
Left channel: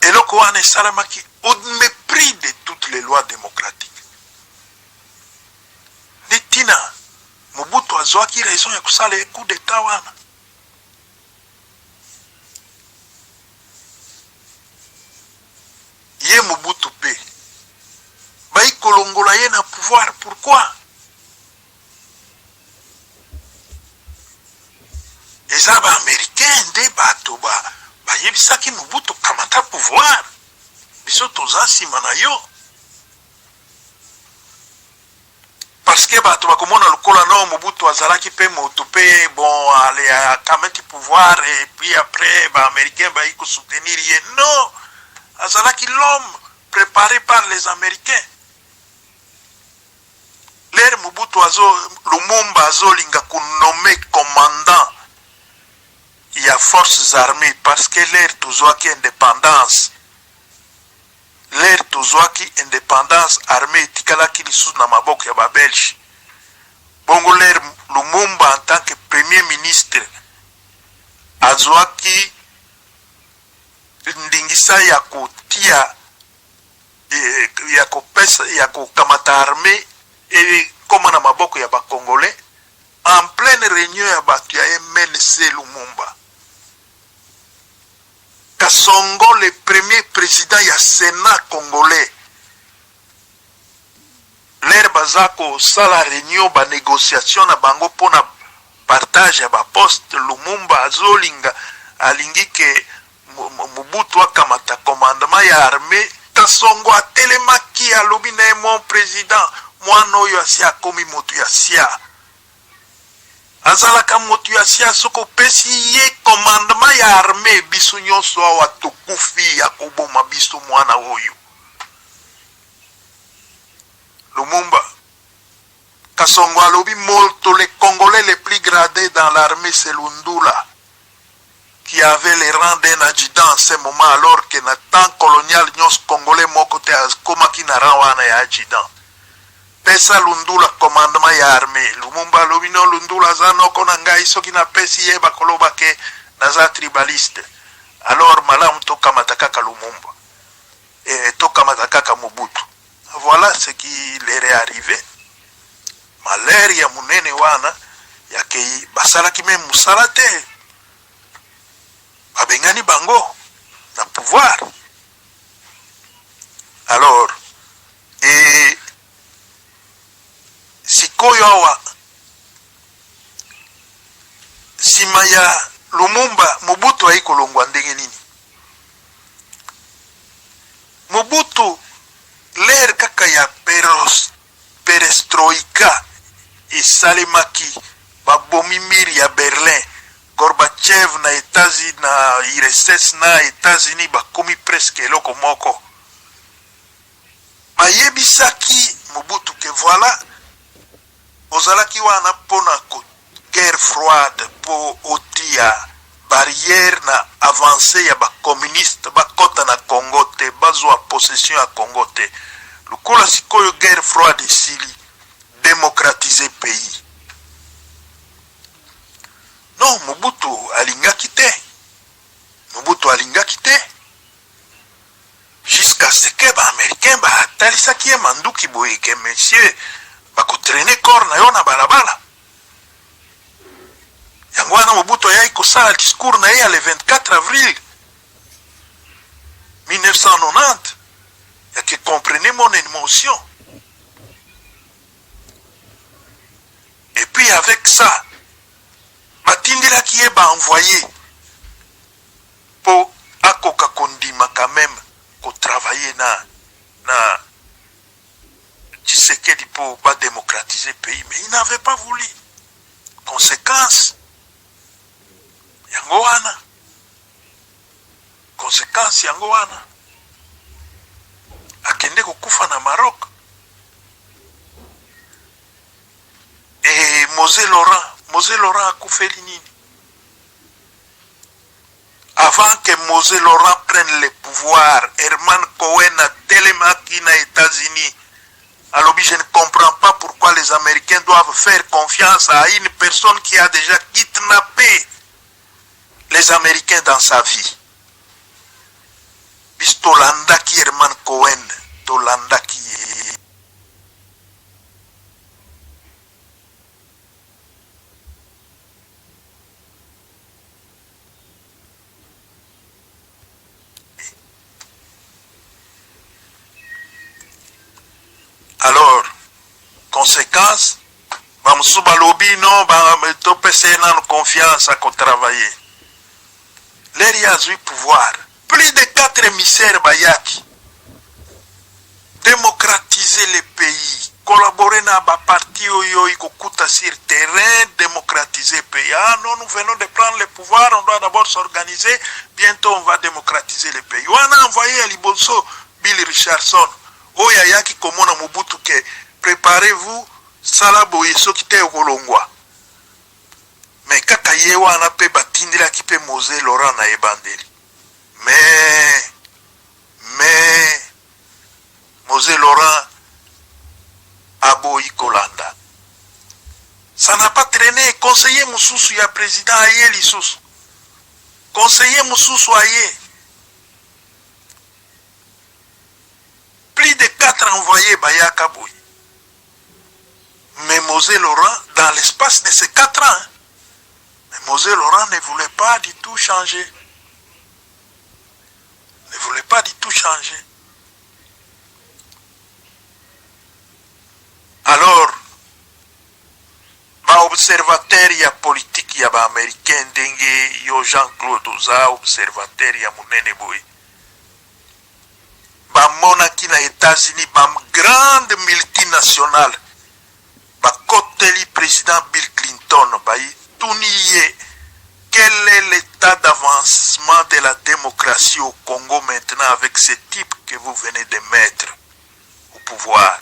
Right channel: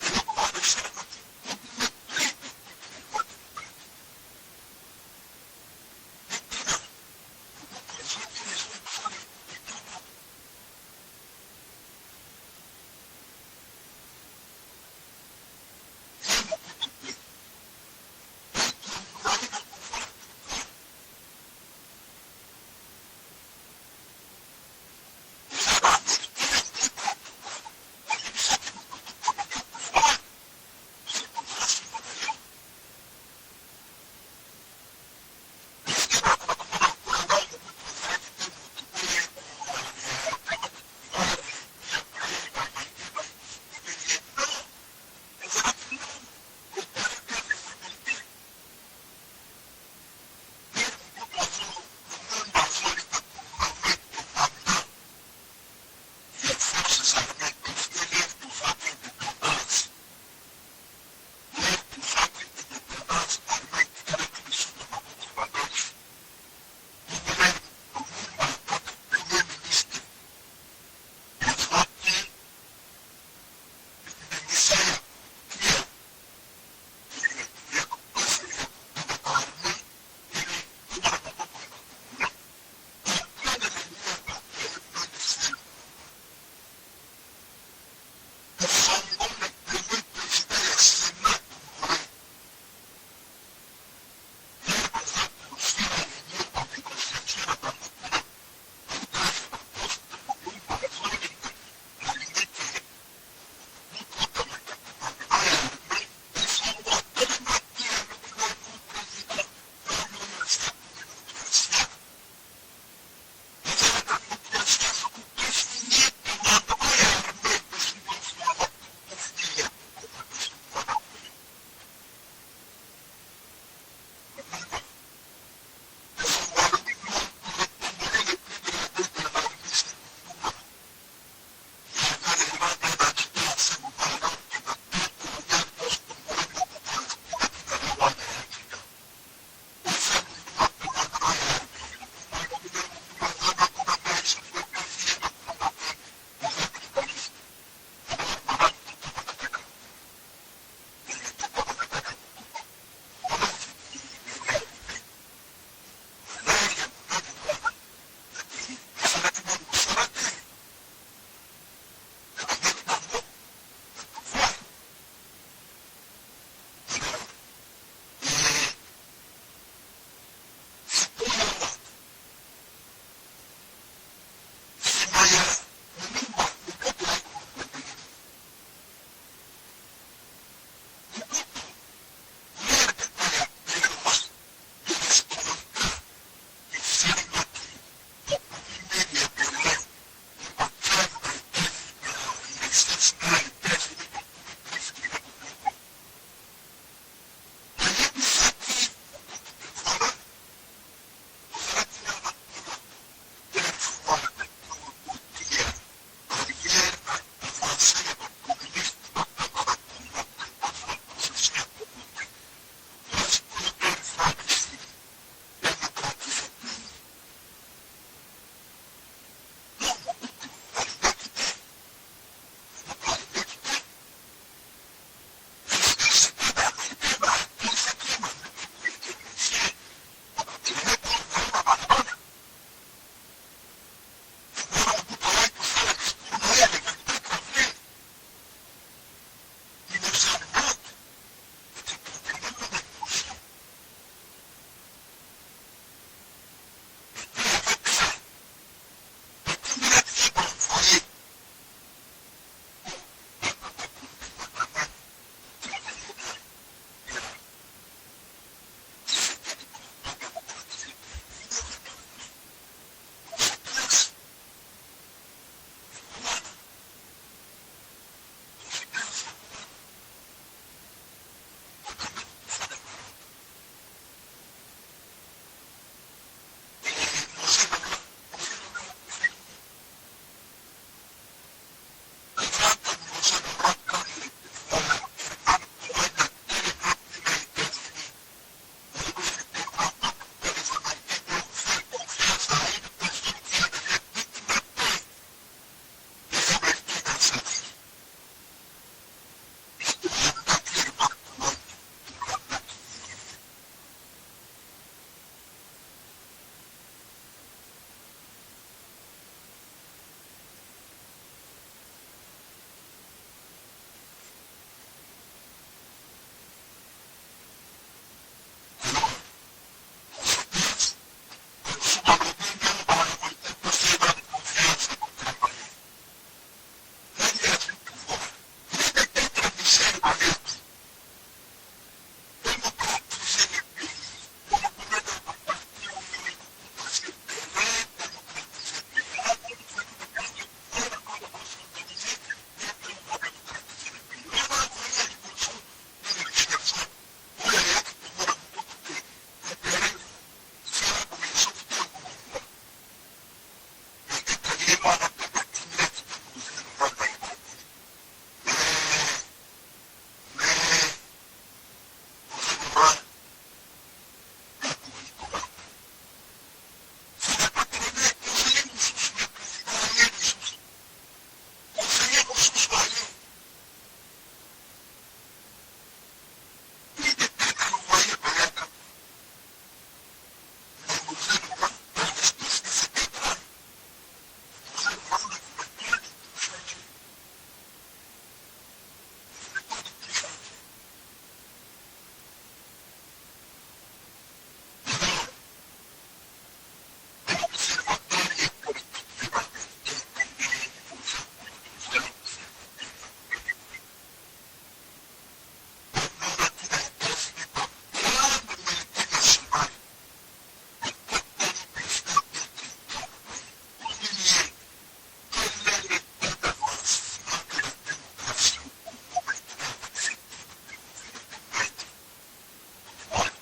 eloko wana esalamaki au mépris de toutes les lois démocratiques netina Mobutu azwaki raison ya kusala coup d'état wana ye Mobutu pe bai kolongola ye na pouvoir pourquoi eza ba américain nde bato bayebisaki Mobutu kamata pouvoir biso toza nsima na yo parce que bato bakomona lokola no Mobutu azalaki pe moto pe bon allez akamati pouvoir et puis après ba américain ba iko soutenir ye non azalaki l'homme préparé par les américains l'air Mobutu Lumumba azolinga kunommé commandant il y a forces armées parce que l'air tozwaki indépendance l'air tozwaki indépendance armée tikalaki lisusu na maboko ya babelge bongo l'air Lumumba en tant que premier ministre azwaki ndingisa ya kotia ya kokamata armée et koma na maboko ya bakongolais en pleine réunion ya bato ya MLC Lumumba Kasongo le premier président ya Sénat congolais l'air bazako sala réunion ba négociation na bango pona partage ya ba poste Lumumba azolinga alingi ke Mobutu akamata commandement ya armée Kasongo atelemaki alobi na mon président mwana oyo asi akomi moto ya sia azalaka moto ya sia soko pesi ye commandement ya armée biso nyonso awa tokufi ya koboma biso mwana oyo Lumumba Kasongo alobi molto les Congolais les plus gradés dans l'armée c'est Lundula qui avait les rangs d'un adjudant en ce moment alors que na temps colonial nyos Congolais moko te akomaki na rang wana ya adjudant pesa Lundula commandement ya armée Lumumba alobi no Lundula aza noko na ngai soki napesi ye bakoloba ke naza tribaliste alors malamu tokamata kaka Lumumba tokamata kaka Mobutu. Voilà ce qui leur est arrivé. Malheur ya munene wana ya kei basalaki même musala te babengani bango na pouvoir. Alors sikoyo awa sima ya Lumumba Mobutu haikolongwa ndenge nini? Mobutu l'air kaka ya perestroika esalemaki babomi miri ya Berlin Gorbachev na États-Unis na IRSS na États-Unis bakomi presque eloko moko bayebisaki Mobutu ke voilà ozalaki wana pona guerre froide po otia barrière na avancée ya communiste bakota na Congo te bazwa possession ya Congo te lukola sikoyo guerre froide esili démocratiser pays. Non, Mobutu alingaki te. Mobutu alingaki te. Jusqu'à ce que ba américain ba talisaki manduki boye ke monsieur bakotraîner corps na yo na balabala. Yango wana Mobutu ayai kosala discours na ye le 24 avril 1990. Et que comprenez mon émotion. Et puis avec ça, Batindila qui est envoyé pour Akoka Kondima quand même, pour travailler na Tshisekedi pour pas démocratiser le pays. Mais il n'avait pas voulu. Conséquence, Yangoana. Conséquence, Yangoana. Akende kukufa na Maroc. Et Mosé Laurent akufeli nini? Avant que Mosé Laurent prenne le pouvoir, Herman Cohen a télémaki na États-Unis. Alors je ne comprends pas pourquoi les Américains doivent faire confiance à une personne qui a déjà kidnappé les Américains dans sa vie. Bis tolandaki Herman Cohen, tolandaki. Alors, conséquence, Bamsuba Lobi non, Topese n'a confiance à travailler. L'air a eu pouvoir. Plus de 4 émissaires Bayaki. Démocratiser les pays. Collaborer dans les partis sur terrain, démocratiser le pays. Ah non, nous venons de prendre le pouvoir, on doit d'abord s'organiser. Bientôt, on va démocratiser le pays. On a envoyé à Libolso, Bill Richardson. Oyayaki komona Mobutu ke préparez-vous salabo yeso kite okolongwa. Mais kaka ye wana pe batindila ki pe Mosé Laurent na ebandeli. Mais Mosé Laurent aboyi kolanda. Ça n'a pas traîné. Conseiller Moussoussou ya président aye lisusu. Conseiller Moussoussou aye. Plus de 4 envoyés Bayaka Boy. Mais Mosé Laurent, dans l'espace de ces 4 ans, Mosé Laurent ne voulait pas du tout changer. Ne voulait pas du tout changer. Alors, ba observateur ya politique kati ya ba-américain ndenge yo Jean-Claude oza observateur ya munene boye bamonaki na États-Unis grande multinationale bakoteli président Bill Clinton baituni ye quel est l'état d'avancement de la démocratie au Congo maintenant avec ce type que vous venez de mettre au pouvoir?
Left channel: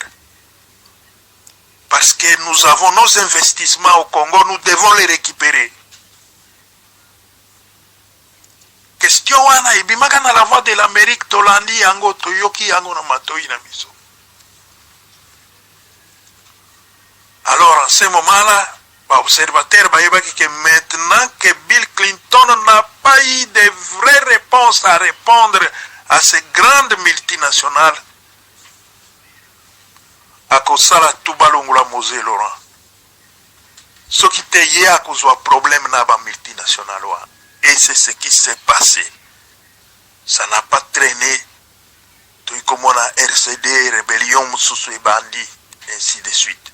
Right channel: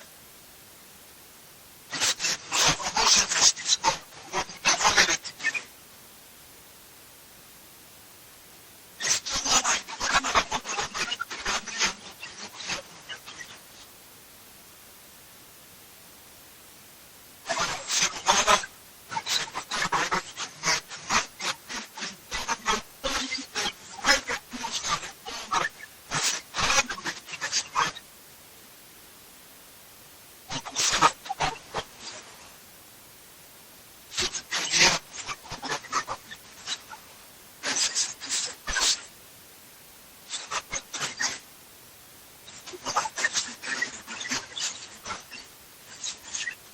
Parce que nous avons nos investissements au Congo, nous devons les récupérer. Question wana ibimaka na la voix de l'Amérique tolandi yango toyoki yango na matoi na miso. Alors en ce moment-là, l'observateur bayebaki que maintenant que Bill Clinton n'a pas eu de vraies réponses à répondre à ces grandes multinationales, akosala tubalongola Mosé Laurent. Ce qui te y a causé un problème na ba multinationale. Et c'est ce qui s'est passé. Ça n'a pas traîné. Tout comme on a RCD, rébellion, Moussoussou et bandits, ainsi de suite.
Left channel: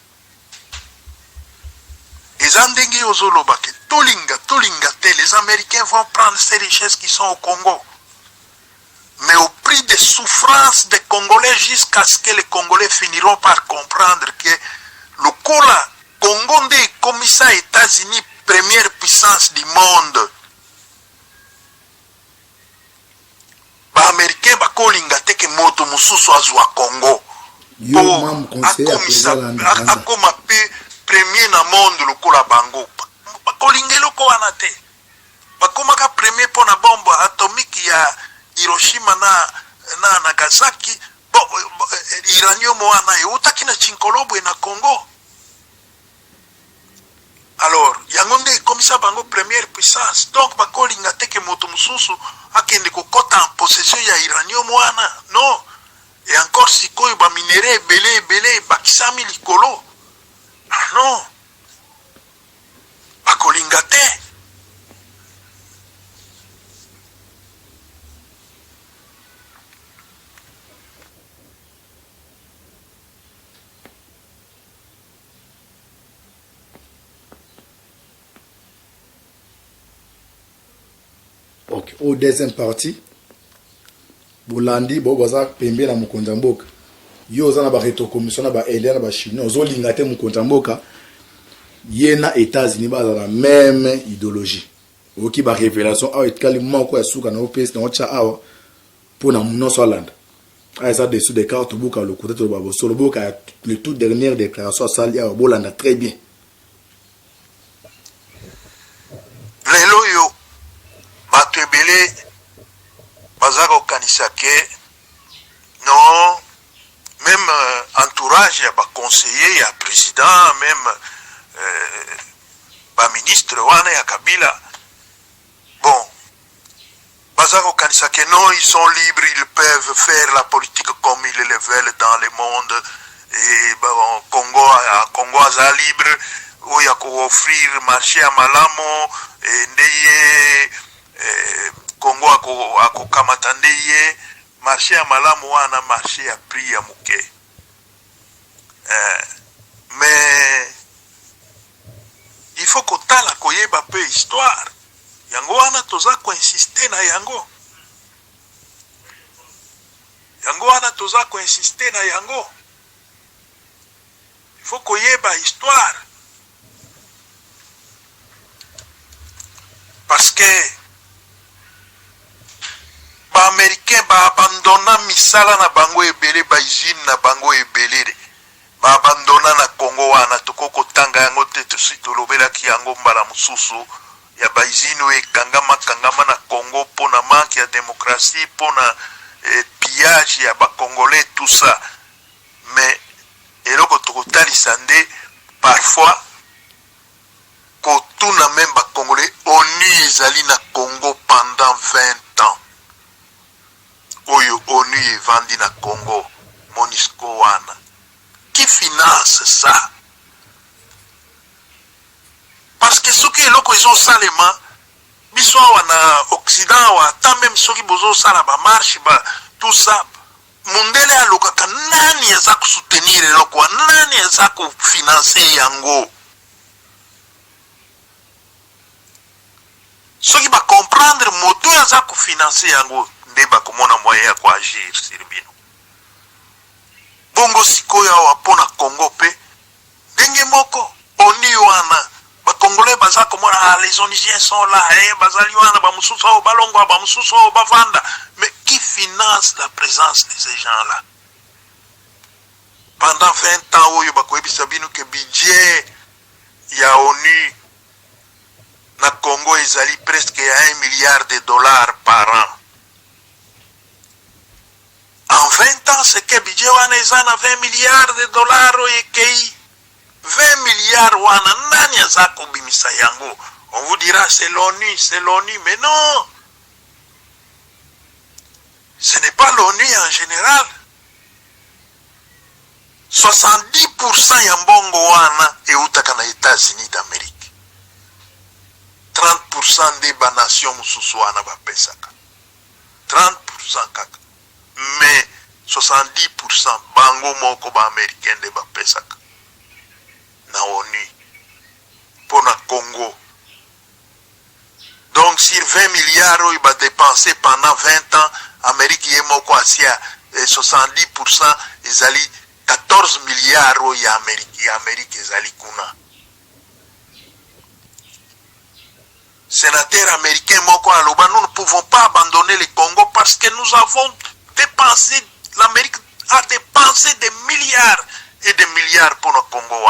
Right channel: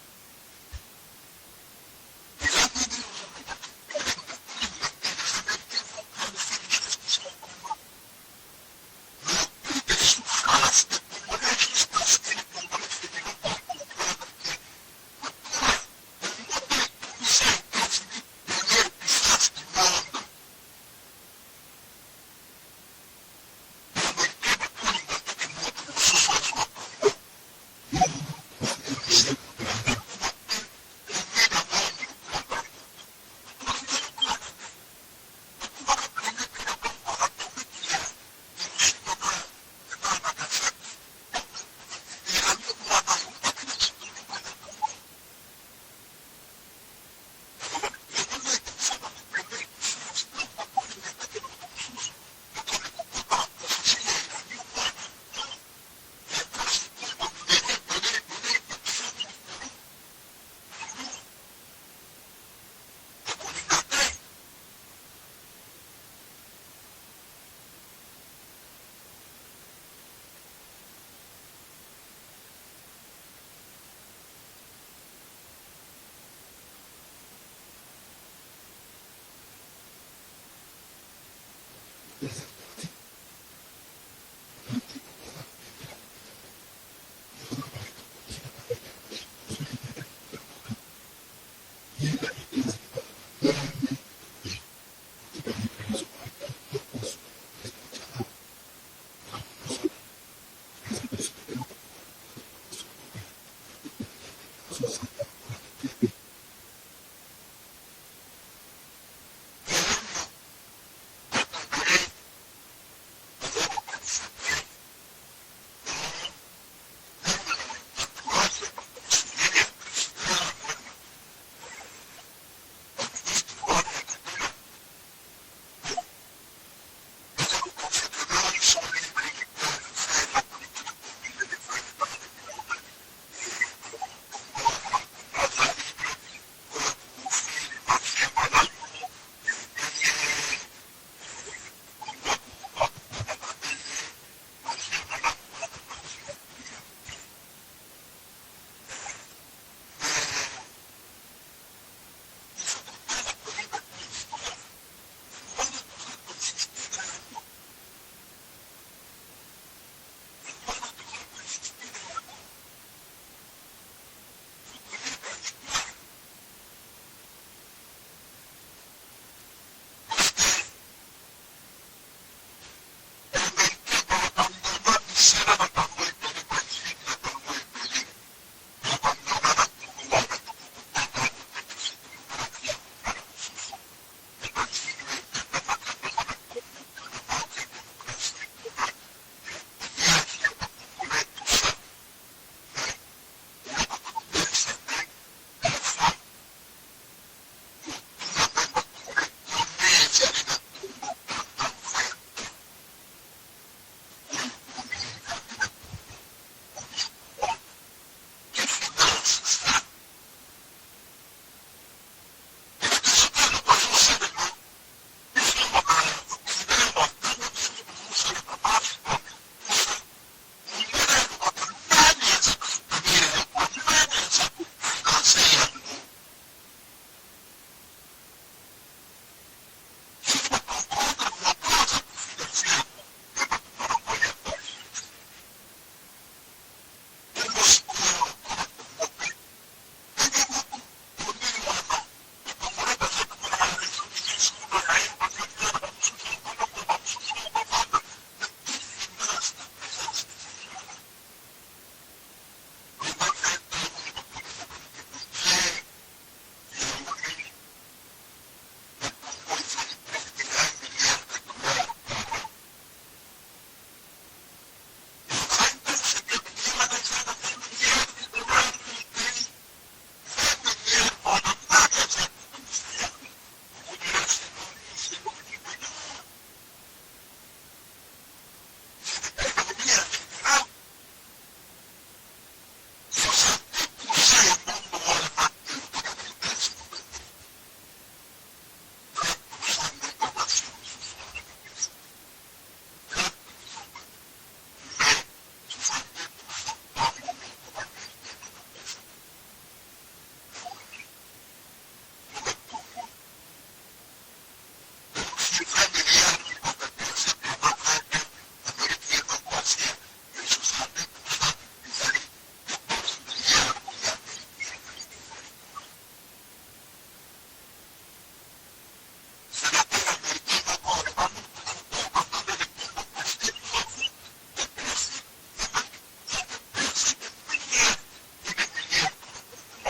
Les Andengé Ozolobake, les Américains vont prendre ces richesses qui sont au Congo. Mais au prix des souffrances des Congolais, jusqu'à ce que les Congolais finiront par comprendre que le Congo est commissaire États-Unis, première puissance du monde. Les Américains bakolinga teke moto mususu azwa Congo. Akoma pe premier na monde le kola bango. Bakolinga loko wanate. Bakoma ka premier pour na bombe atomique ya Hiroshima na Nagasaki. Iranium wana yutaki na Chinkolobo na Congo. Alors, yangonde komisa bango première puissance. Donc bakolinga teke moto mususu akende kokota en possession ya uranium wana. Non. Et encore sikoyo ba minéraux belé bakisami likolo. Non. Bakolinga te. Ok, au deuxième partie, Bolandi, Bobaza, Pembe na Mukonjamboka. Yo zana ba reto commission na ba Elia na ba Chinois, zo lingate Mukonjamboka. Yena États-Unis ba la même idéologie. Oki ba révélation a etkali moko ya suka na OPS na ocha awa pour na muno Holland. A ça dessous des cartes boka le côté de Babo Solo boka le toute dernière déclaration sali a Bolanda très bien. Lelo yo bato ebele bazaka okanisa ke non même entourage ya baconseiller ya président même baministre wana ya Kabila bon bazaka okanisa ke non ils sont libres, ils peuvent faire la politique comme ils le veulent dans le monde et bon, Congo aza libre oya ko offrir marché à Malamo et ndeye Congo ako kamatande ye marché ya malamu wana marché ya prix ya muke. Mais il faut que tala koyeba peu histoire. Yango wana toza ko insister na yango. Yango wana toza ko insister na yango. Il faut koyeba histoire. Parce que ba américain ba abandonna misala na bango ebele ba usine na bango ebele ba abandonna na Congo wana tokoko tanga yango te tositolobela ki yango mbala mususu ya ba usine kangama na Congo pona manque ya démocratie pona pillage ya ba congolais tout ça. Mais eloko tokotalisa nde parfois kotuna même ba congolais ONU ezali na Congo pendant 20 ans. Oyo ONU evandi na Congo, MONUSCO wana. Qui finance ça? Parce que ceux qui eloko ils ont salema, biso wana Occident wa ta même ceux qui bozo sala ba marche ba tout ça. Mundele alokaka nani eza ku soutenir eloko, nani eza ku financer yango? soki comprendre moto aza kofinanse yango nde bakomona moyen ya koagir sur bino. Bongo sikoyo awa mpona Congo pe ndenge moko oni wana bakongolais baza komona les Onisiens sont là, bazali wana bamususu oyo balongwa bamususu oyo bavanda. Mais qui finance la présence de ces gens-là? Pendant 20 ans oyo bakoyebisa bino ke budget ya ONU na Congo ezali presque à $1 milliard par an. En 20 ans, c'est que budget wana ezana $20 milliards oyo ekei 20 milliards wana nani aza kobimisa yango? On vous dira c'est l'ONU, mais non. Ce n'est pas l'ONU en général. 70% ya mbongo wana eutaka na États-Unis d'Amérique. 30% de ba nation mususu wana bapesaka. 30% kaka. Mais 70% bango moko ba américain de bapesaka. Na ONU. Pour na Congo. Donc sur 20 milliards il va dépenser pendant 20 ans, Amérique y moko asia 70% ezali 14 milliards ya Amérique ezali kuna. Sénateur américain moko aloba, nous ne pouvons pas abandonner le Congo parce que nous avons dépensé, l'Amérique a dépensé des milliards et des milliards pour le Congo.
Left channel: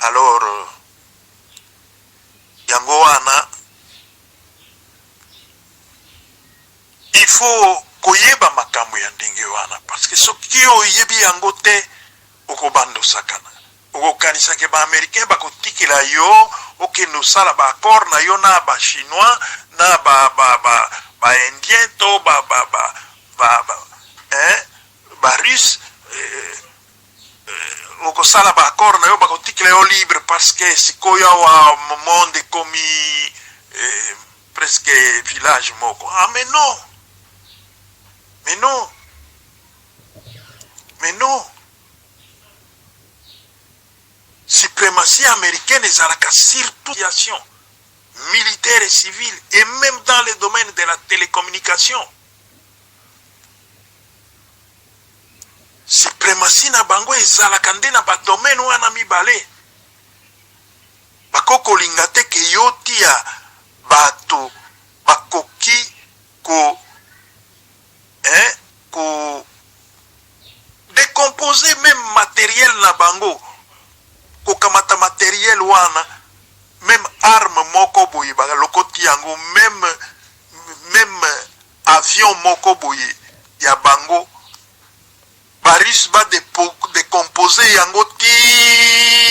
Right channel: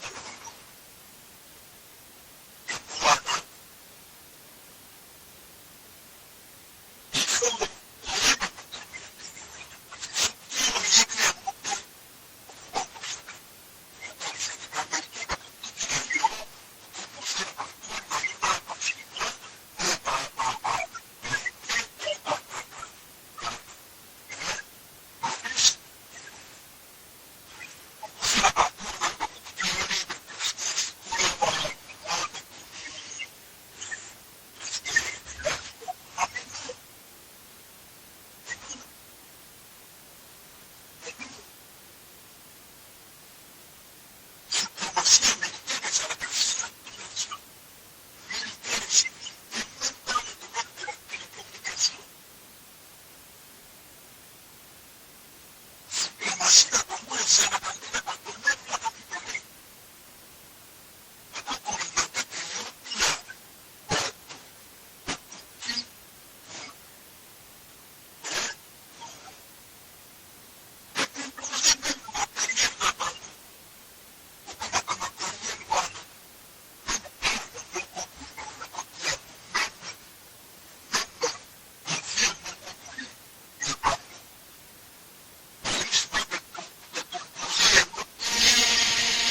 Alors, yango wana, il faut koyeba makambo ya ndenge wana parce que soki oyebi yango te okobando sakana. Okokanisa ke ba américain bakotikela yo okende osala ba accord na yo na ba chinois na ba indien to ba russe okosala ba accord na yo bakotikela yo libre parce que sikoyo wa monde komi presque village moko. Ah mais non. Mais non. Suprématie américaine est à la surtout militaire et civile, et même dans le domaine de la télécommunication. Suprématie na bango est à la kande na ba domaine wana mibale. Bakoko lingate ke yotia bato bakoki ko décomposer même matériel na bango. Kokamata matériel wana même arme moko boye ba lokoti yango même avion moko boye ya bango Paris va décomposer yango ti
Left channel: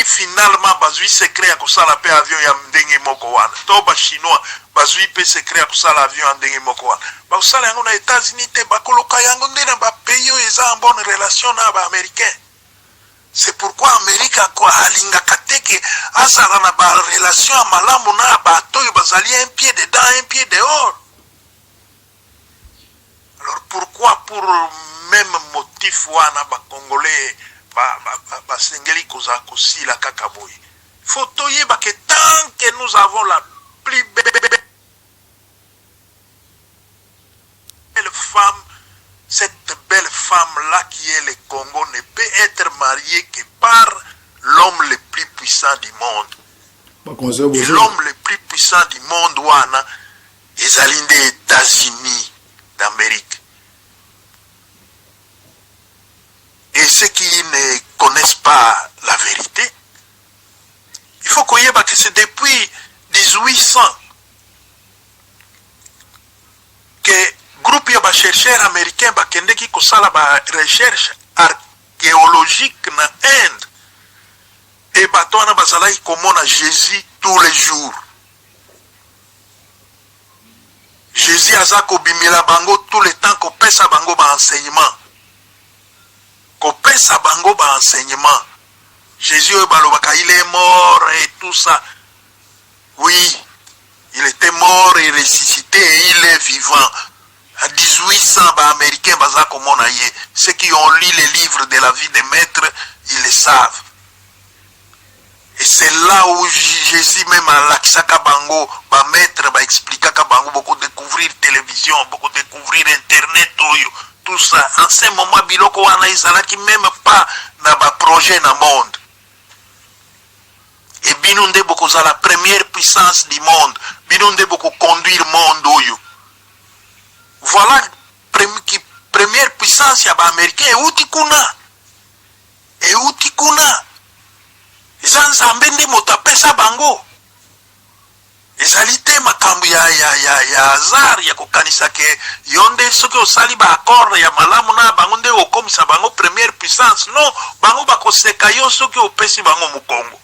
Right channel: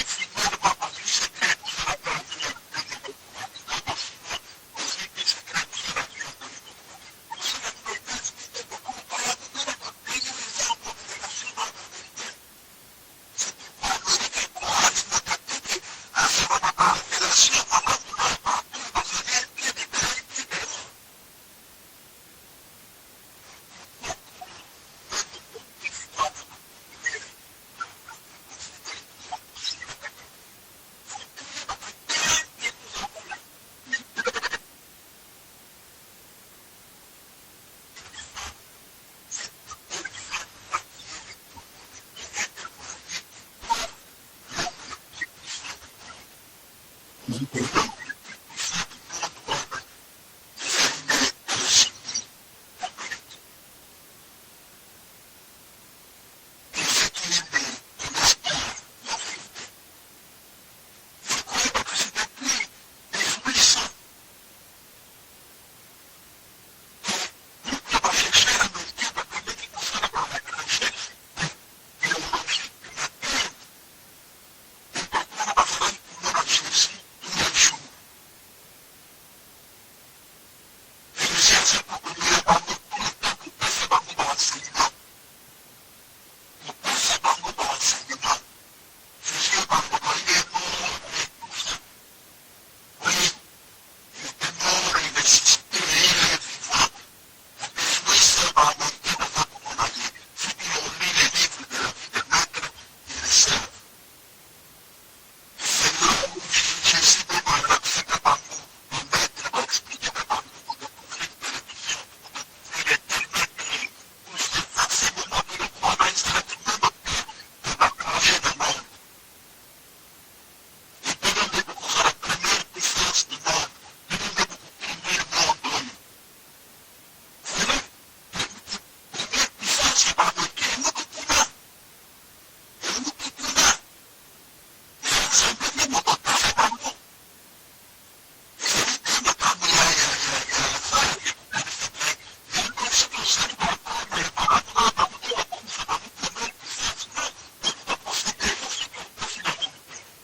finalement bazui secret ya kosala pe avion ya ndenge moko wana to ba chinois bazui pe secret ya kosala avion ya ndenge moko wana ba kosala yango na États-Unis te bakoloka yango ndena ba pays eza en bonne relation na ba américain. C'est pourquoi l'Amérique a lingakateke azala na ba relation à malamu na bato yo bazali un pied dedans un pied dehors. Alors pourquoi pour même motif wana ba congolais ba sengeli koza kosila kakaboy. Faut toyeba que tant que nous avons la plus belle femme, cette belle femme-là qui est le Congo ne peut être mariée que par l'homme le plus puissant du monde. Et l'homme le plus puissant du monde, wana, ezali des États-Unis d'Amérique. Et ceux qui ne connaissent pas la vérité, il faut qu'on y ait que c'est depuis 1800 que groupe ya ba chercheurs américains ba kende ki kosala ba recherche archéologique na Inde et bato wana bazalaki komona Jésus tous les jours. Jésus aza kobimela bango tout le temps kopesa bango ba enseignement. Kopesa bango ba enseignement. Jésus balobaka il est mort et tout ça. Oui, il était mort et ressuscité et il est vivant. À 1800, les Américains, ceux qui ont lu les livres de la vie des maîtres, ils le savent. Et c'est là où Jésus même à l'Aksaka Bango, va mettre, va expliquer à Bango, beaucoup découvrir télévision, beaucoup découvrir Internet, tout ça. En ce moment, Biloko Wana Isala qui même pas dans un projet dans le monde. Et Binunde beaucoup c'est la première puissance du monde. Binunde beaucoup conduire le monde. Voilà première puissance ya ba-américain. Et où tikuna? Et où tikuna? Zanzambe nde motapesa bango. Ezali te makambo ya azar ya kokanisa ke yonde soki osali ba accord ya malamu na bango nde okomisa bango première puissance. Non, bango bakoseka yo soki opesi bango mukongo.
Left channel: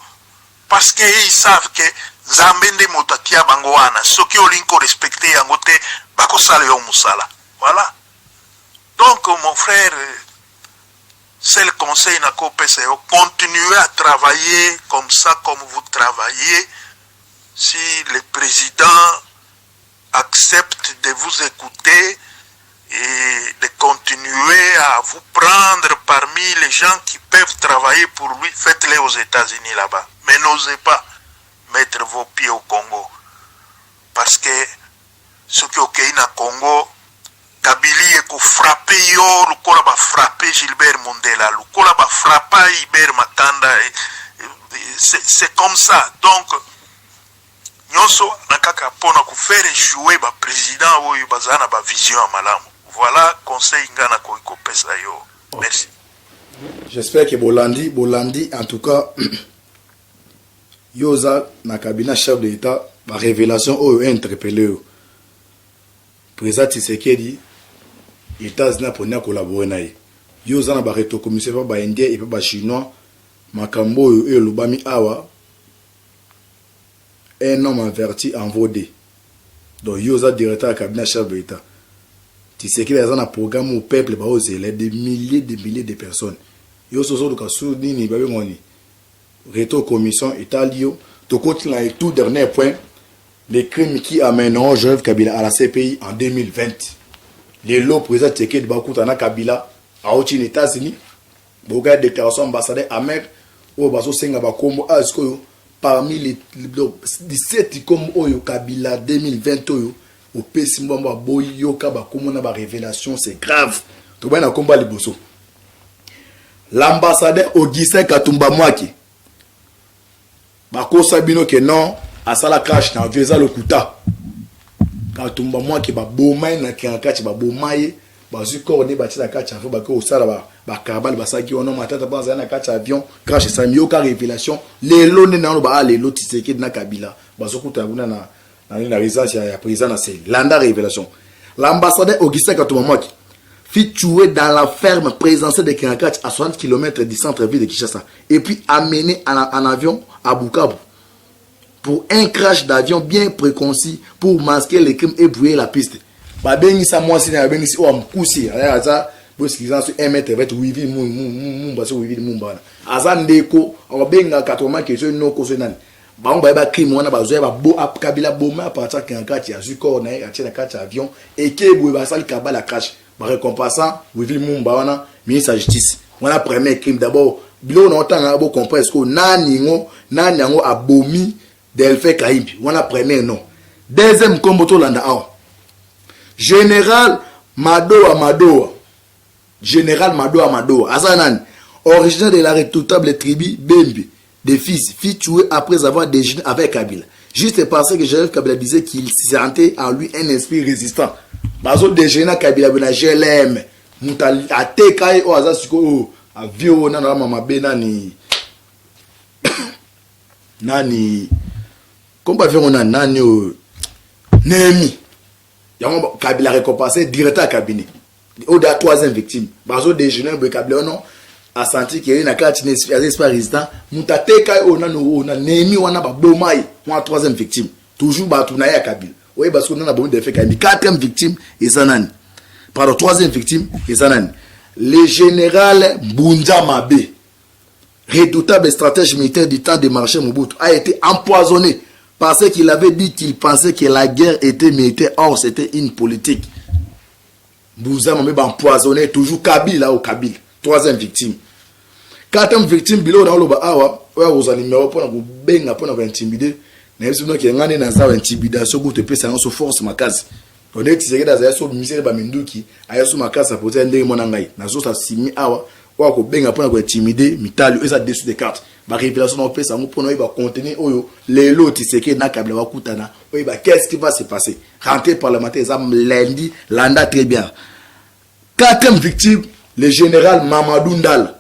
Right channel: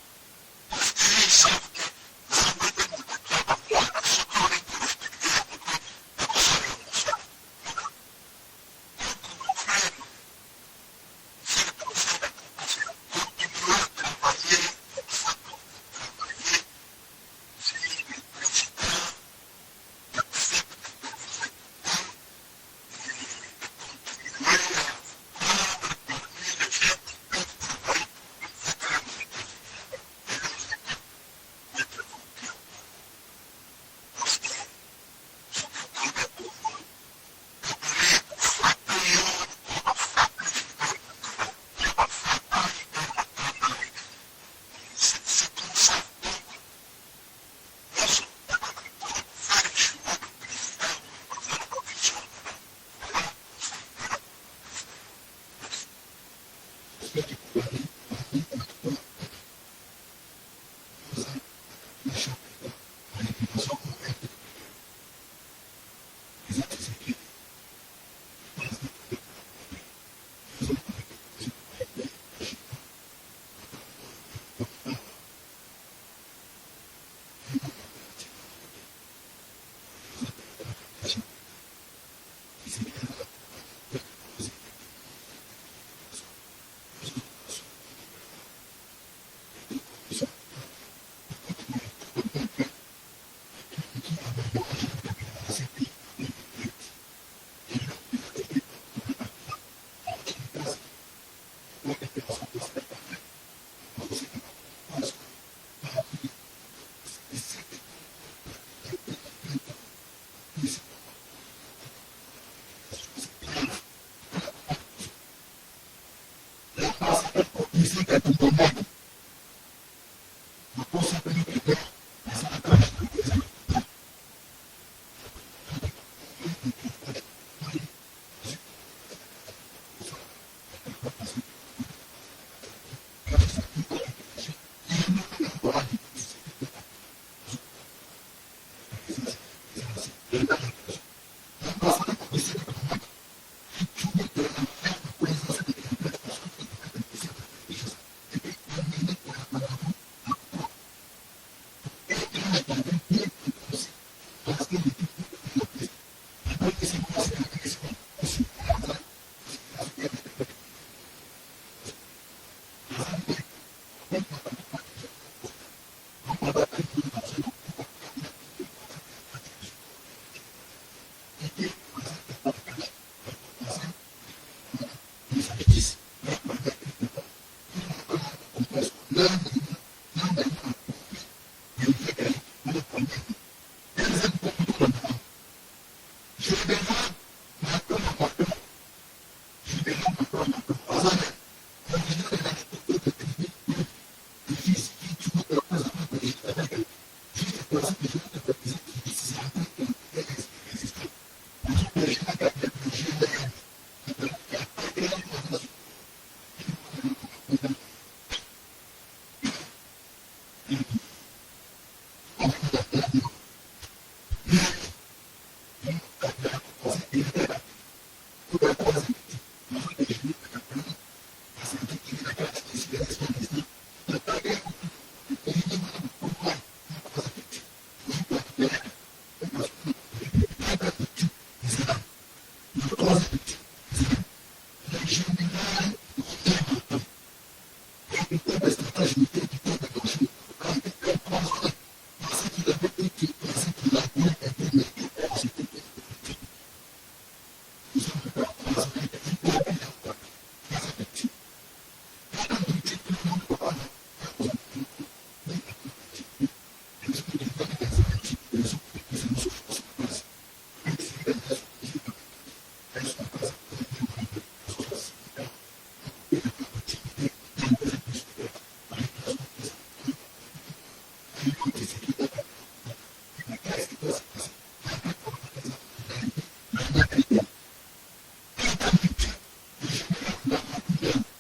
Parce que ils savent que Nzambe nde moto atia bango wana soki olinko respecter yango te bakosala yo musala. Voilà. Donc mon frère, c'est le conseil Nako PCO. Continuez à travailler comme ça, comme vous travaillez. Si le président accepte de vous écouter et de continuer à vous prendre parmi les gens qui peuvent travailler pour lui, faites-les aux États-Unis là-bas. Mais n'osez pas mettre vos pieds au Congo. Parce que ce qui est au Congo, Kabili eko frappé yo, lukola ba frappé Gilbert Mondela, lukola ba frappa Iber Makanda, c'est comme ça. Donc, nyonso nakaka pona ku faire jouer ba président oyo bazana ba vision à malamu. Voilà conseil ngana ko pesa yo. Merci. J'espère que Bolandi en tout cas yoza na cabinet chef de l'État ba révélation oyo interpellé yo. Président Tshisekedi États-Unis pour collaborer na ye. Yo zana ba reto commissaire ba indien et ba chinois makambo yo lubami awa un homme averti en vodé. Donc yo za directeur à cabinet chef de l'État. Tshisekedi a un programme au peuple ba oser des milliers de personnes. Yo soso do kasu nini ba ngoni. Reto commission italio to continue avec tout dernier point les crimes qui amèneront Joseph Kabila à la CPI en 2020. Les lots président Tshisekedi Bakutana Kabila à aux États-Unis. Boga déclaration ambassadeur Amer au baso senga bakombo asko parmi les 17 comme oyo Kabila 2020 oyo au PC mbamba boyo ka bakombo na ba révélation c'est grave. To bana komba liboso. L'ambassadeur Augustin Katumba Mwaki bakosa bino que non asala crash na vieza lokuta Katumba Mwaki ba bomai na kiankachi ba bomaye bazuko ne batila kacha fo bako osala ba kabal basaki ono matata banza na kacha avion crash sa mioka révélation les lones na ba les lots Tshisekedi na Kabila bazokuta kuna na résidence ya président na c'est landa révélation l'ambassadeur Augustin Katumba Mwaki fut tué dans la ferme présidentielle de Kiankachi à 60 km du centre-ville de Kinshasa et puis amené en avion à Bukavu pour un crash d'avion bien préconcis pour masquer les crimes et brouiller la piste. Babengi sa moi si na bengi si o amkusi aza bo sikizan sur 1 mètre avec wivi mumba so wivi mumba aza ndeko o benga 80 que je no ko so nani ba on ba crime wana ba zo ba bo Kabila boma partir Kiankachi azuko na ya tina kacha avion et que bo ba sali kabala crash ba récompensant wivi mumba wana ministre de la justice wana premier crime d'abord bilo na otanga bo comprendre que nani ngo abomi Delphin Kaimbi, on a premier nom. Deuxième comboto landa awa. Général Madoa. Général Madoa. Azanan, originaire de la redoutable tribu Bembe, des fils, fit tuer après avoir déjeuné avec Kabila. Juste parce que Joseph Kabila disait qu'il sentait en lui un esprit résistant. Bazo déjeuner Kabila bena GLM. Mutali atekaye o azasuko o avio na mama benani. Nani comment faire on a nani Némi yango Kabila récompensé directeur cabinet au de la troisième victime bazo déjeuner be Kabila non a senti que na kati n'esprit résistant mutateka o na Némi wana ba bomai moi troisième victime toujours ba tuna ya Kabila oui parce qu'on a bon de fait Kabila quatrième victime et Zanani pardon troisième victime et Zanani le général Bunda Mabe redoutable stratège militaire du temps de Marshal Mobutu a été empoisonné parce qu'il avait dit qu'il pensait que la guerre était militaire. Or, c'était une politique. Bouza m'a empoisonné toujours Kabila au Kabila. Troisième victime. Quatrième victime, Bilo Naoloba Awa, oya kozwa numéro mpona kobenga mpona kointimide nayebi soki noki ngani naza intimidation kutu epesanga so force makasi onde Tshisekedi azali so misere baminduki aya so makasi apotea ndenge mona ngai nazosa simi awa oya kobenga mpona kointimide mitali eza dessus de carte barévélation na opesa yango mpona oyeba contenu oyo lelo Tshisekedi na Kabila bakutana oyeba qu'est-ce qui va se passer rentrée parlementaire eza lundi landa très bien. Quatrième victime, le général Mamadou Ndala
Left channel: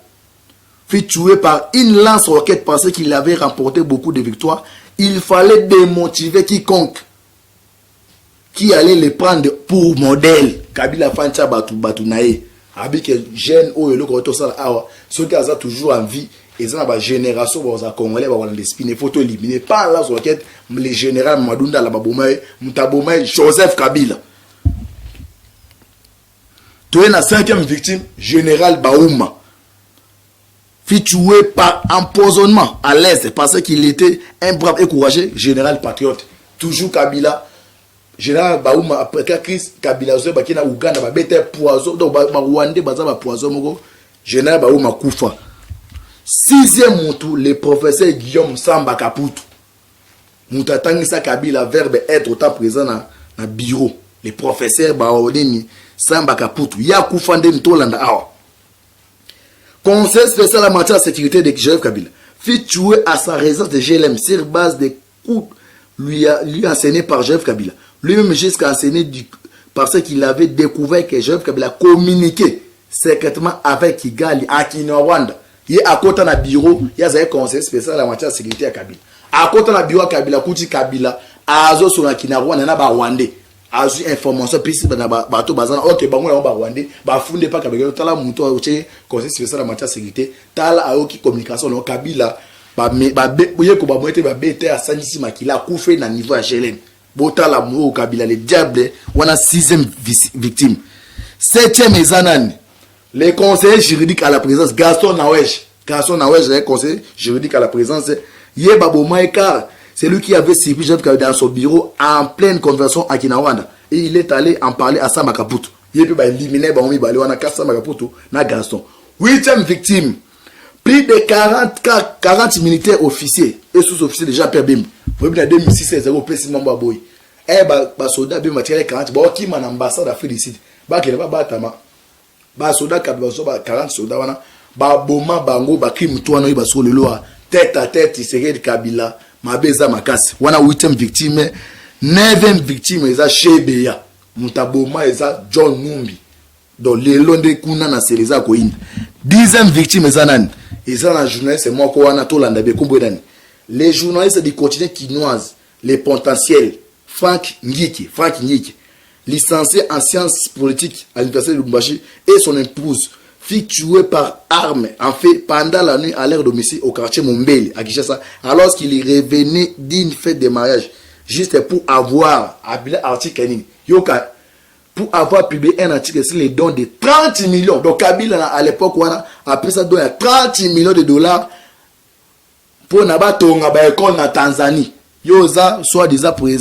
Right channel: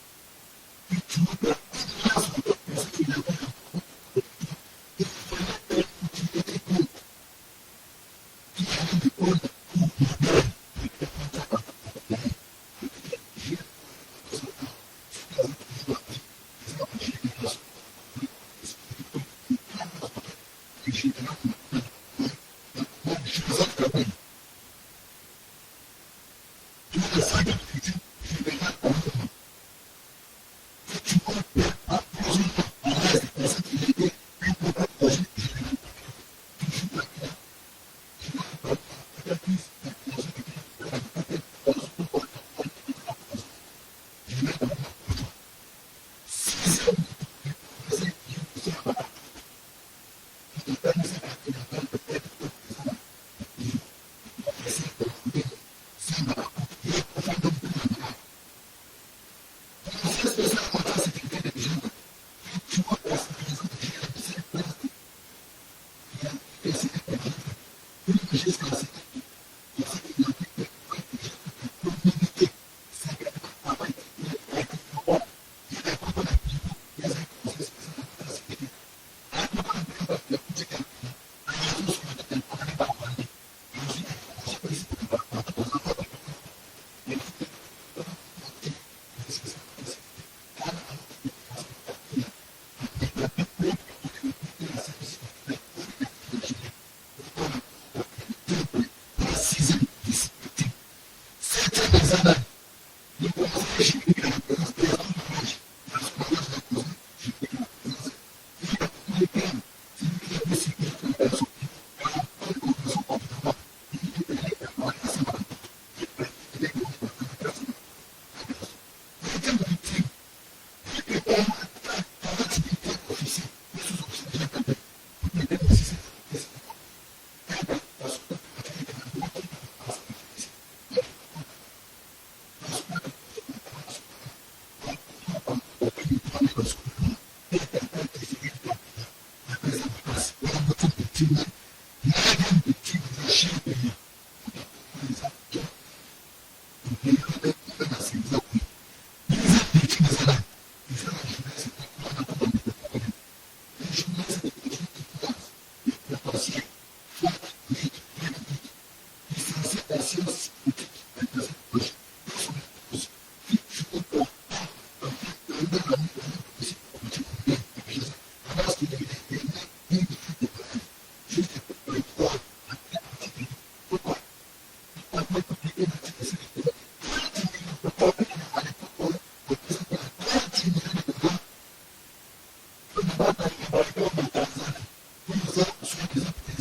fut tué par une lance-roquette parce qu'il avait remporté beaucoup de victoires. Il fallait démotiver quiconque qui allait le prendre pour modèle. Kabila Fancha Batu Nae. Avec les jeunes, ceux qui ont toujours en vie, ils ont une génération qui Congolais, il faut éliminer. Pas la roquette, le général Mamadou Ndala, Mutabomae, Joseph Kabila. Tu es la cinquième victime, général Baouma, fut tué par empoisonnement à l'Est parce qu'il était un brave et courageux général patriote. Toujours Kabila, général Baouma, après la crise, Kabila, qui na Ouganda, poison, donc Rwandais, poison, général Baouma Koufa. Sixième moutou, le professeur Guillaume Samba Kaputu. Moutatangisa Kabila, verbe être autant présent dans le bureau. Le professeur Baoudini. Samba Kaputu, Yakoufande Ntolanda Awa. Conseil spécial en matière de sécurité de Joseph Kabila fut tué à sa résidence de GLM sur base des coups lui enseignés par Joseph Kabila. Lui-même jusqu'à enseigner parce qu'il avait découvert que Joseph Kabila communiquait secrètement avec Kigali à Kinyarwanda. Il est à côté d'un bureau, il y a un conseil spécial en matière de sécurité à Kabila. À côté d'un bureau à Kabila, Kouti Kabila, à Azo sur la Kinyarwanda, il y a un Rwandais. Azu information puis bato bazana OK bango ya ba Rwandais ba funde pa Kabila tala muto oche conseil spécial en matière de sécurité tala aoki communication no Kabila ba boye ko ba moite ba bete à Sandisi Makila koufe na niveau à Gelen botala mo Kabila le diable wana sixième victime. Septième ezanani le conseiller juridique à la présence Gaston Nawej le conseiller juridique à la présence Yeba Bomaïkar. C'est lui qui avait suivi Joseph Kabila dans son bureau en pleine conversation à Kinyarwanda. Et il est allé en parler à Samba Kaputu. Il peut éliminer Baomi Bali, on a cassé Samba Kaputu, na Gaston. Huitième victime. Plus de 40 militaires officiers et sous-officiers de Jean-Pierre Bim. Vous voyez, en 2006, c'est un peu si mambo boy. Eh, bah, soldat Bim a tiré 40. Bah, qui m'a ambassade à féliciter. Bah, qui n'est pas batama. Bah, soldat Kabila, 40 soldats, bah, Boma, Bango, bah, qui m'touano, bah, sur le loa. Tête à tête, il serait de Kabila. Mabeza Makasi. Wana 8e victime. 9e victime, eza Shebeya. Mutaboma, eza John Numbi. Donc, les londes kuna na seleza koinda. 10e victime, eza nani. Eza na journaliste, moi, kowana to landa be kumbo dani. Les journalistes du quotidien quinoise, les potentiels, Frank Ngiki, licencié en sciences politiques à l'université de Lubumbashi, et son épouse, fut tué par arme, en fait, pendant la nuit à leur domicile au quartier Mombele, à Kinshasa, alors qu'il revenait d'une fête de mariage, juste pour avoir, pour avoir publié un article sur les dons de 30 millions. Donc, Kabila, à l'époque, on a appris ça, donc, 30 millions de dollars pour n'abatonga ba école na Tanzanie. Yoza, soit disant pour les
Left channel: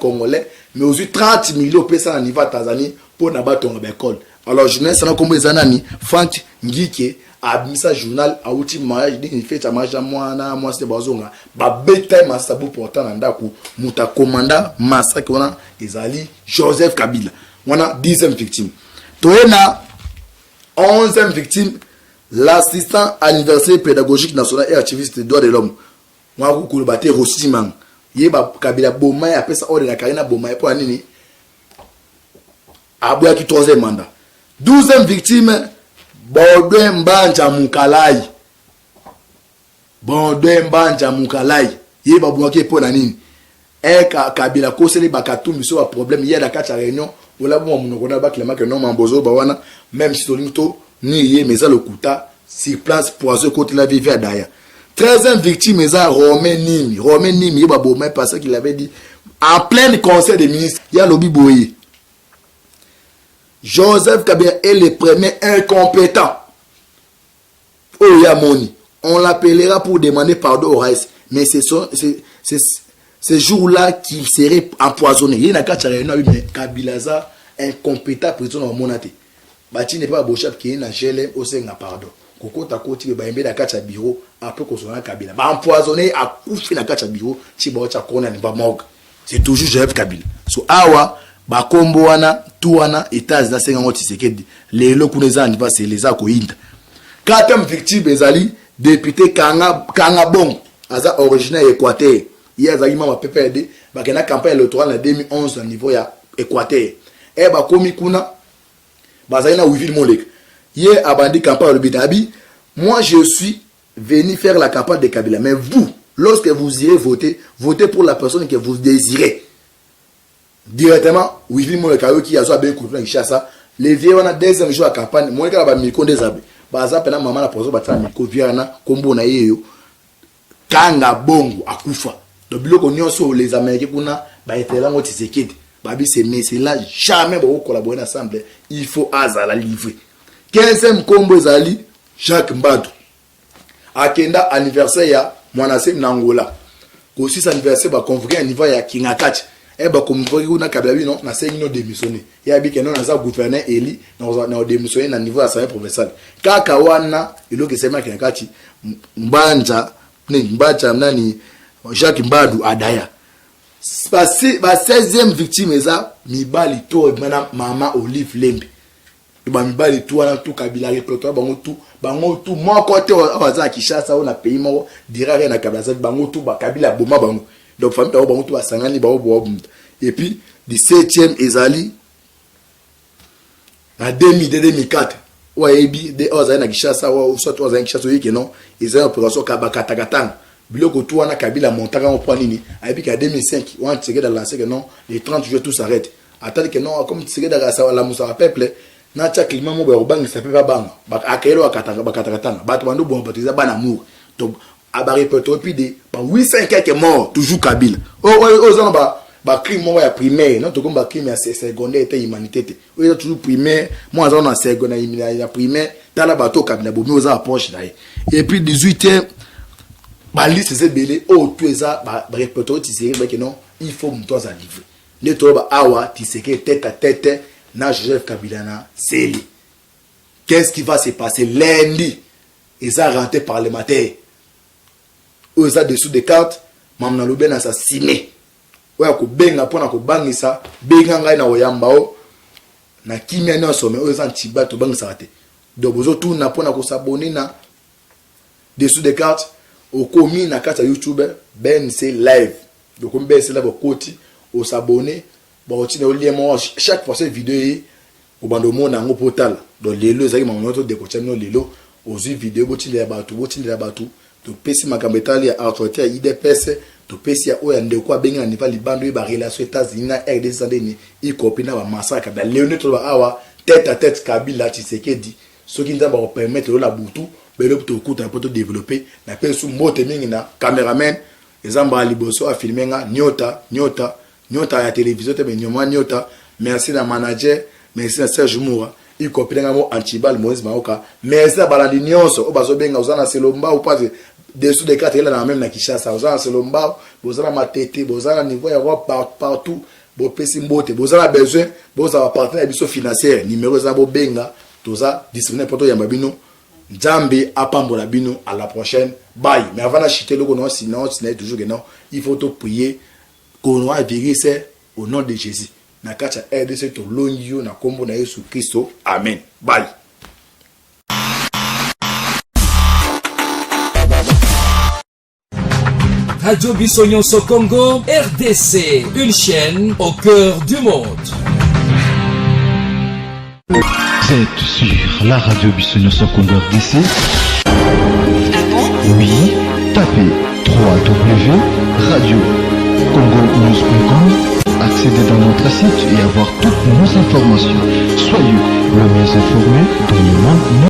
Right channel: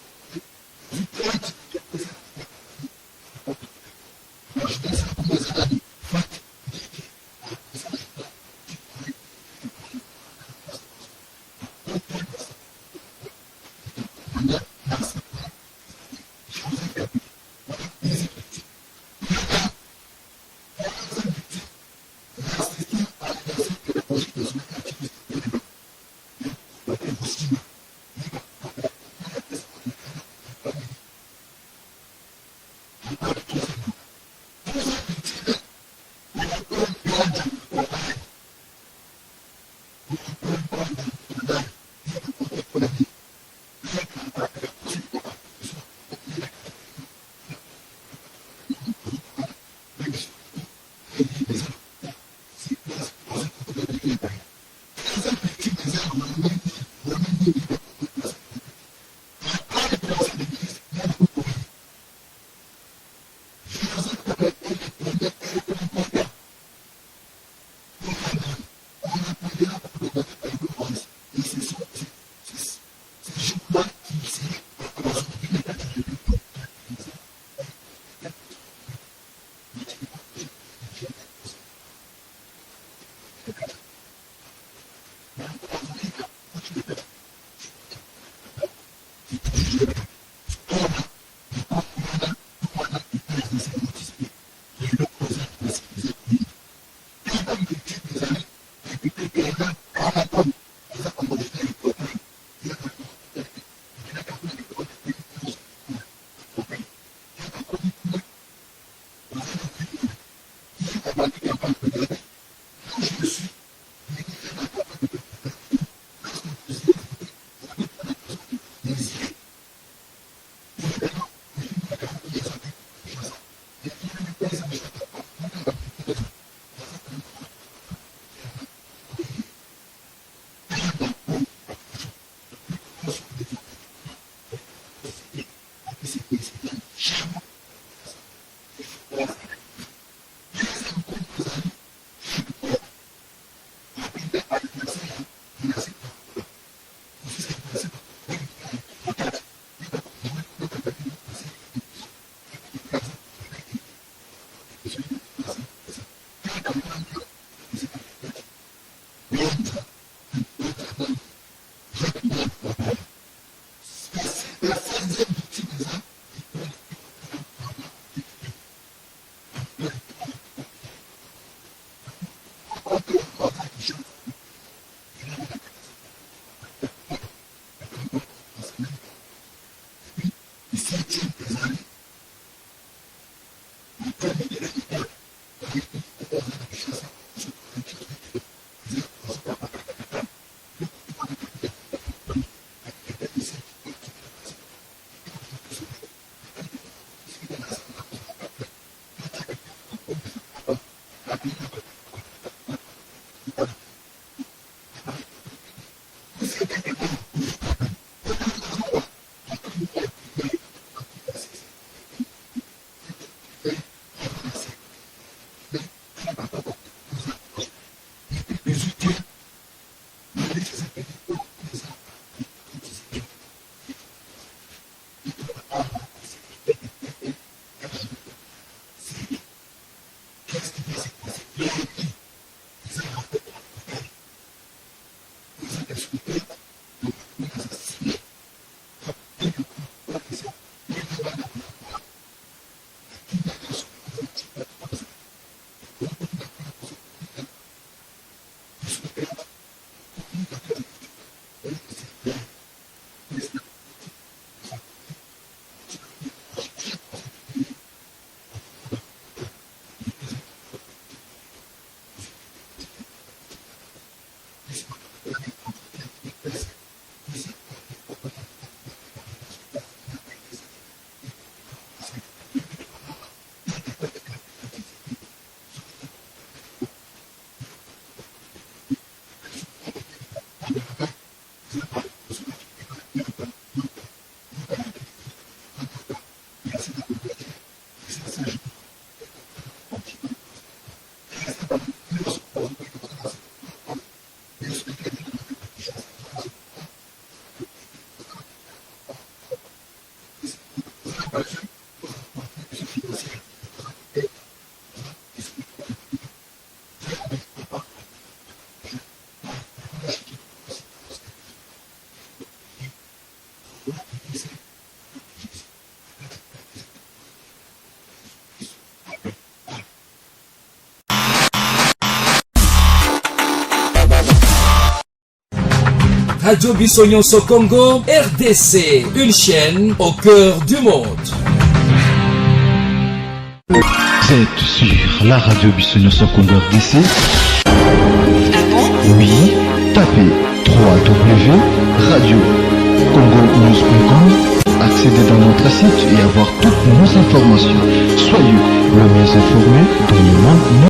Congolais, mais aussi 30 millions pour ça au niveau Tanzanie pour n'abatonga ba école. Alors, je ne sais pas comment les Frank Ngike a mis ça journal à outil mariage, il fait un mariage à moi, c'est bazonga. Ba bête massabou pourtant en dakou, muta commanda massacre on a Ezali Joseph Kabila. On a 10e victime. Toena 11e victime, l'assistant anniversaire pédagogique national et activiste des droits de l'homme. Moi, vous pouvez battre Rossiman. Yeba Kabila Bomaye après ça, ordre na Karina Bomaye pour Anini. Abouya qui 3e mandat. 12e victime, Baudouin Mbanja Moukalai. Baudouin Mbanja Moukalai. Yeba Bouaki pour Nanini. Et Kabila Kosele Bakatou, mais un problème. Hier, dans la réunion, on a vu que non, Mambozo, Bawana, même si Tolimto, ni mais ça le Kouta, si place pour ce côté la vie à Daya. 13e victime, mais ça, Romain Nimi. Romain Nimi, Yeba Bomaye, parce qu'il avait dit, en plein conseil des ministres, il y a Lobby Boye. Joseph Kabila est le premier incompétent. Oh Yamoni, on l'appellera pour demander pardon au Raïs. Mais c'est ce jour-là qu'il serait empoisonné. Il y a un cas de mais Kabilaza incompétent prison en monate. Bati n'est pas beau chef qui est na gelé au sein pardon. kokota koti ba yembe na kacha bureau après ko sona Kabila ba empoisonné a couché na kacha bureau ti ba cha kona ni ba morgue c'est toujours Joseph Kabila so awa ba kombo wana tu wana états na senga ngoti Tshisekedi lelo kuneza ndi ba c'est les akoinda quatrième victime ezali député Kanga Bongo aza originaire Équateur il a zali mama PPRD ba kena campagne électorale en 2011 au niveau ya Équateur et ba komi kuna ba zali na Wivil Molek hier abandi campagne de Bidabi moi je suis venu faire la campagne de Kabila mais vous lorsque vous irez voter votez pour la personne que vous désirez directement Wivil Molek qui a zo bien couvert Kinshasa les vieux on a deuxième jour à campagne moi ka ba miko des baza pena mama na pozo batala miko viana kombo na yeyo Kanga Bongo akufa do biloko nyonso les américains kuna ba etela ngoti Tshisekedi babi c'est là jamais ba collaborer ensemble il faut azala livrer 15e kombo ezali Jacques Mbadu akenda anniversaire ya mwanase na Angola ko 6 anniversaire ba convoquer à niveau ya Kingakati e ba convoquer kuna Kabila bino na sengino démissionner ya bi kenon na za gouverneur eli na démissionner na niveau ya assemblée provinciale kaka wana iloke sema Kingakati mbanja nani Jacques Mbadu adaya ba 16e victime eza mibali to mana mama Olive Lembe ba mibali to wana to Kabila répertoire bango tu moko te waza Kinshasa ona pays moko dirare na Kabila bango tu ba Kabila boma bango donc famille to bango tu asangani ba bo et puis 17e ezali na 2004 oyebi de oza na Kinshasa o soit oza na Kinshasa yeke non ezali opération kabakatakatanga biloko tu wana Kabila montaka en point nini ayebi ka 2005 on Tshisekedi a lancé que non les 30 jours tout s'arrête attendez que non comme Tshisekedi a la musa peuple na cha climat mo ba obanga ça peut pas banga ba akelo akatakatanga bato bando bon batiza bana amour donc aba répertoire puis de 800 quelques morts toujours Kabila aux ba crime mo ya primaire non to comme ba crime ya secondaire et humanité o toujours primaire moi on a secondaire ya primaire tala bato Kabila bo mi oza approche là et puis 18e ba liste c'est belé o tout ça ba répertoire Tshisekedi ba que non il faut monter à livrer ne to ba awa Tshisekedi tête à tête na Joseph Kabila na Seli. Qu'est-ce qui va se passer lundi? Ils ont rentré parlementaire. Ils ont dessous des cartes. Mamna Loben assassiné. Ouais, ko benga pona ko bangisa, benga ngai na oyambao. Na kimia na some, ils ont tiba to bangisa rate. Donc bozo tout na pona ko s'abonner na dessous des cartes. Au commis na carte YouTube ben c'est live. Donc on ben c'est là côté au s'abonner. Bon tu na lien chaque fois cette vidéo au bandomo na ngo portal donc lelo zaki mamoto de coaching no lelo ozu vidéo botinde ya batu to pesi makambetali ya autorité ya IDPS to pesi ya oya ndeko abenga niva libando ba relation États-Unis na RDC sandeni i copina ba massacre ba Léoné to ba awa tête à tête Kabila Tshisekedi ce qui nous va permettre la butu belo to kuta poto développer na pesu mote mingi na cameraman ezamba liboso a filmer nga nyota ya télévision te nyoma nyota merci na manager merci na Serge Moura il copie ngamo Antibal Moïse Maoka merci na balandi nyonso o bazobenga uzana selomba ou pas dessous des cartes là na même na Kinshasa uzana selomba bozana matete bozana niveau ya partout bo pesi mbote bozana besoin bozana partenaire biso financier numéro za bo benga toza disponible poto ya babino Jambi apambola bino à la prochaine bye mais avant d'acheter le non sinon toujours que non il faut te prier qu'on va virus au nom de Jésus. Na kacha RDC to lonyo na kombo na Yesu Kristo. Amen. Bye. Radio Bissonyonso Congo, RDC, une chaîne au cœur du monde. Vous êtes sur la radio Bissonyonso Congo RDC. Oui, tapez www.radio-congo-news.com, accéder dans notre site et avoir toutes nos informations. Soyez le mieux informés dans le monde.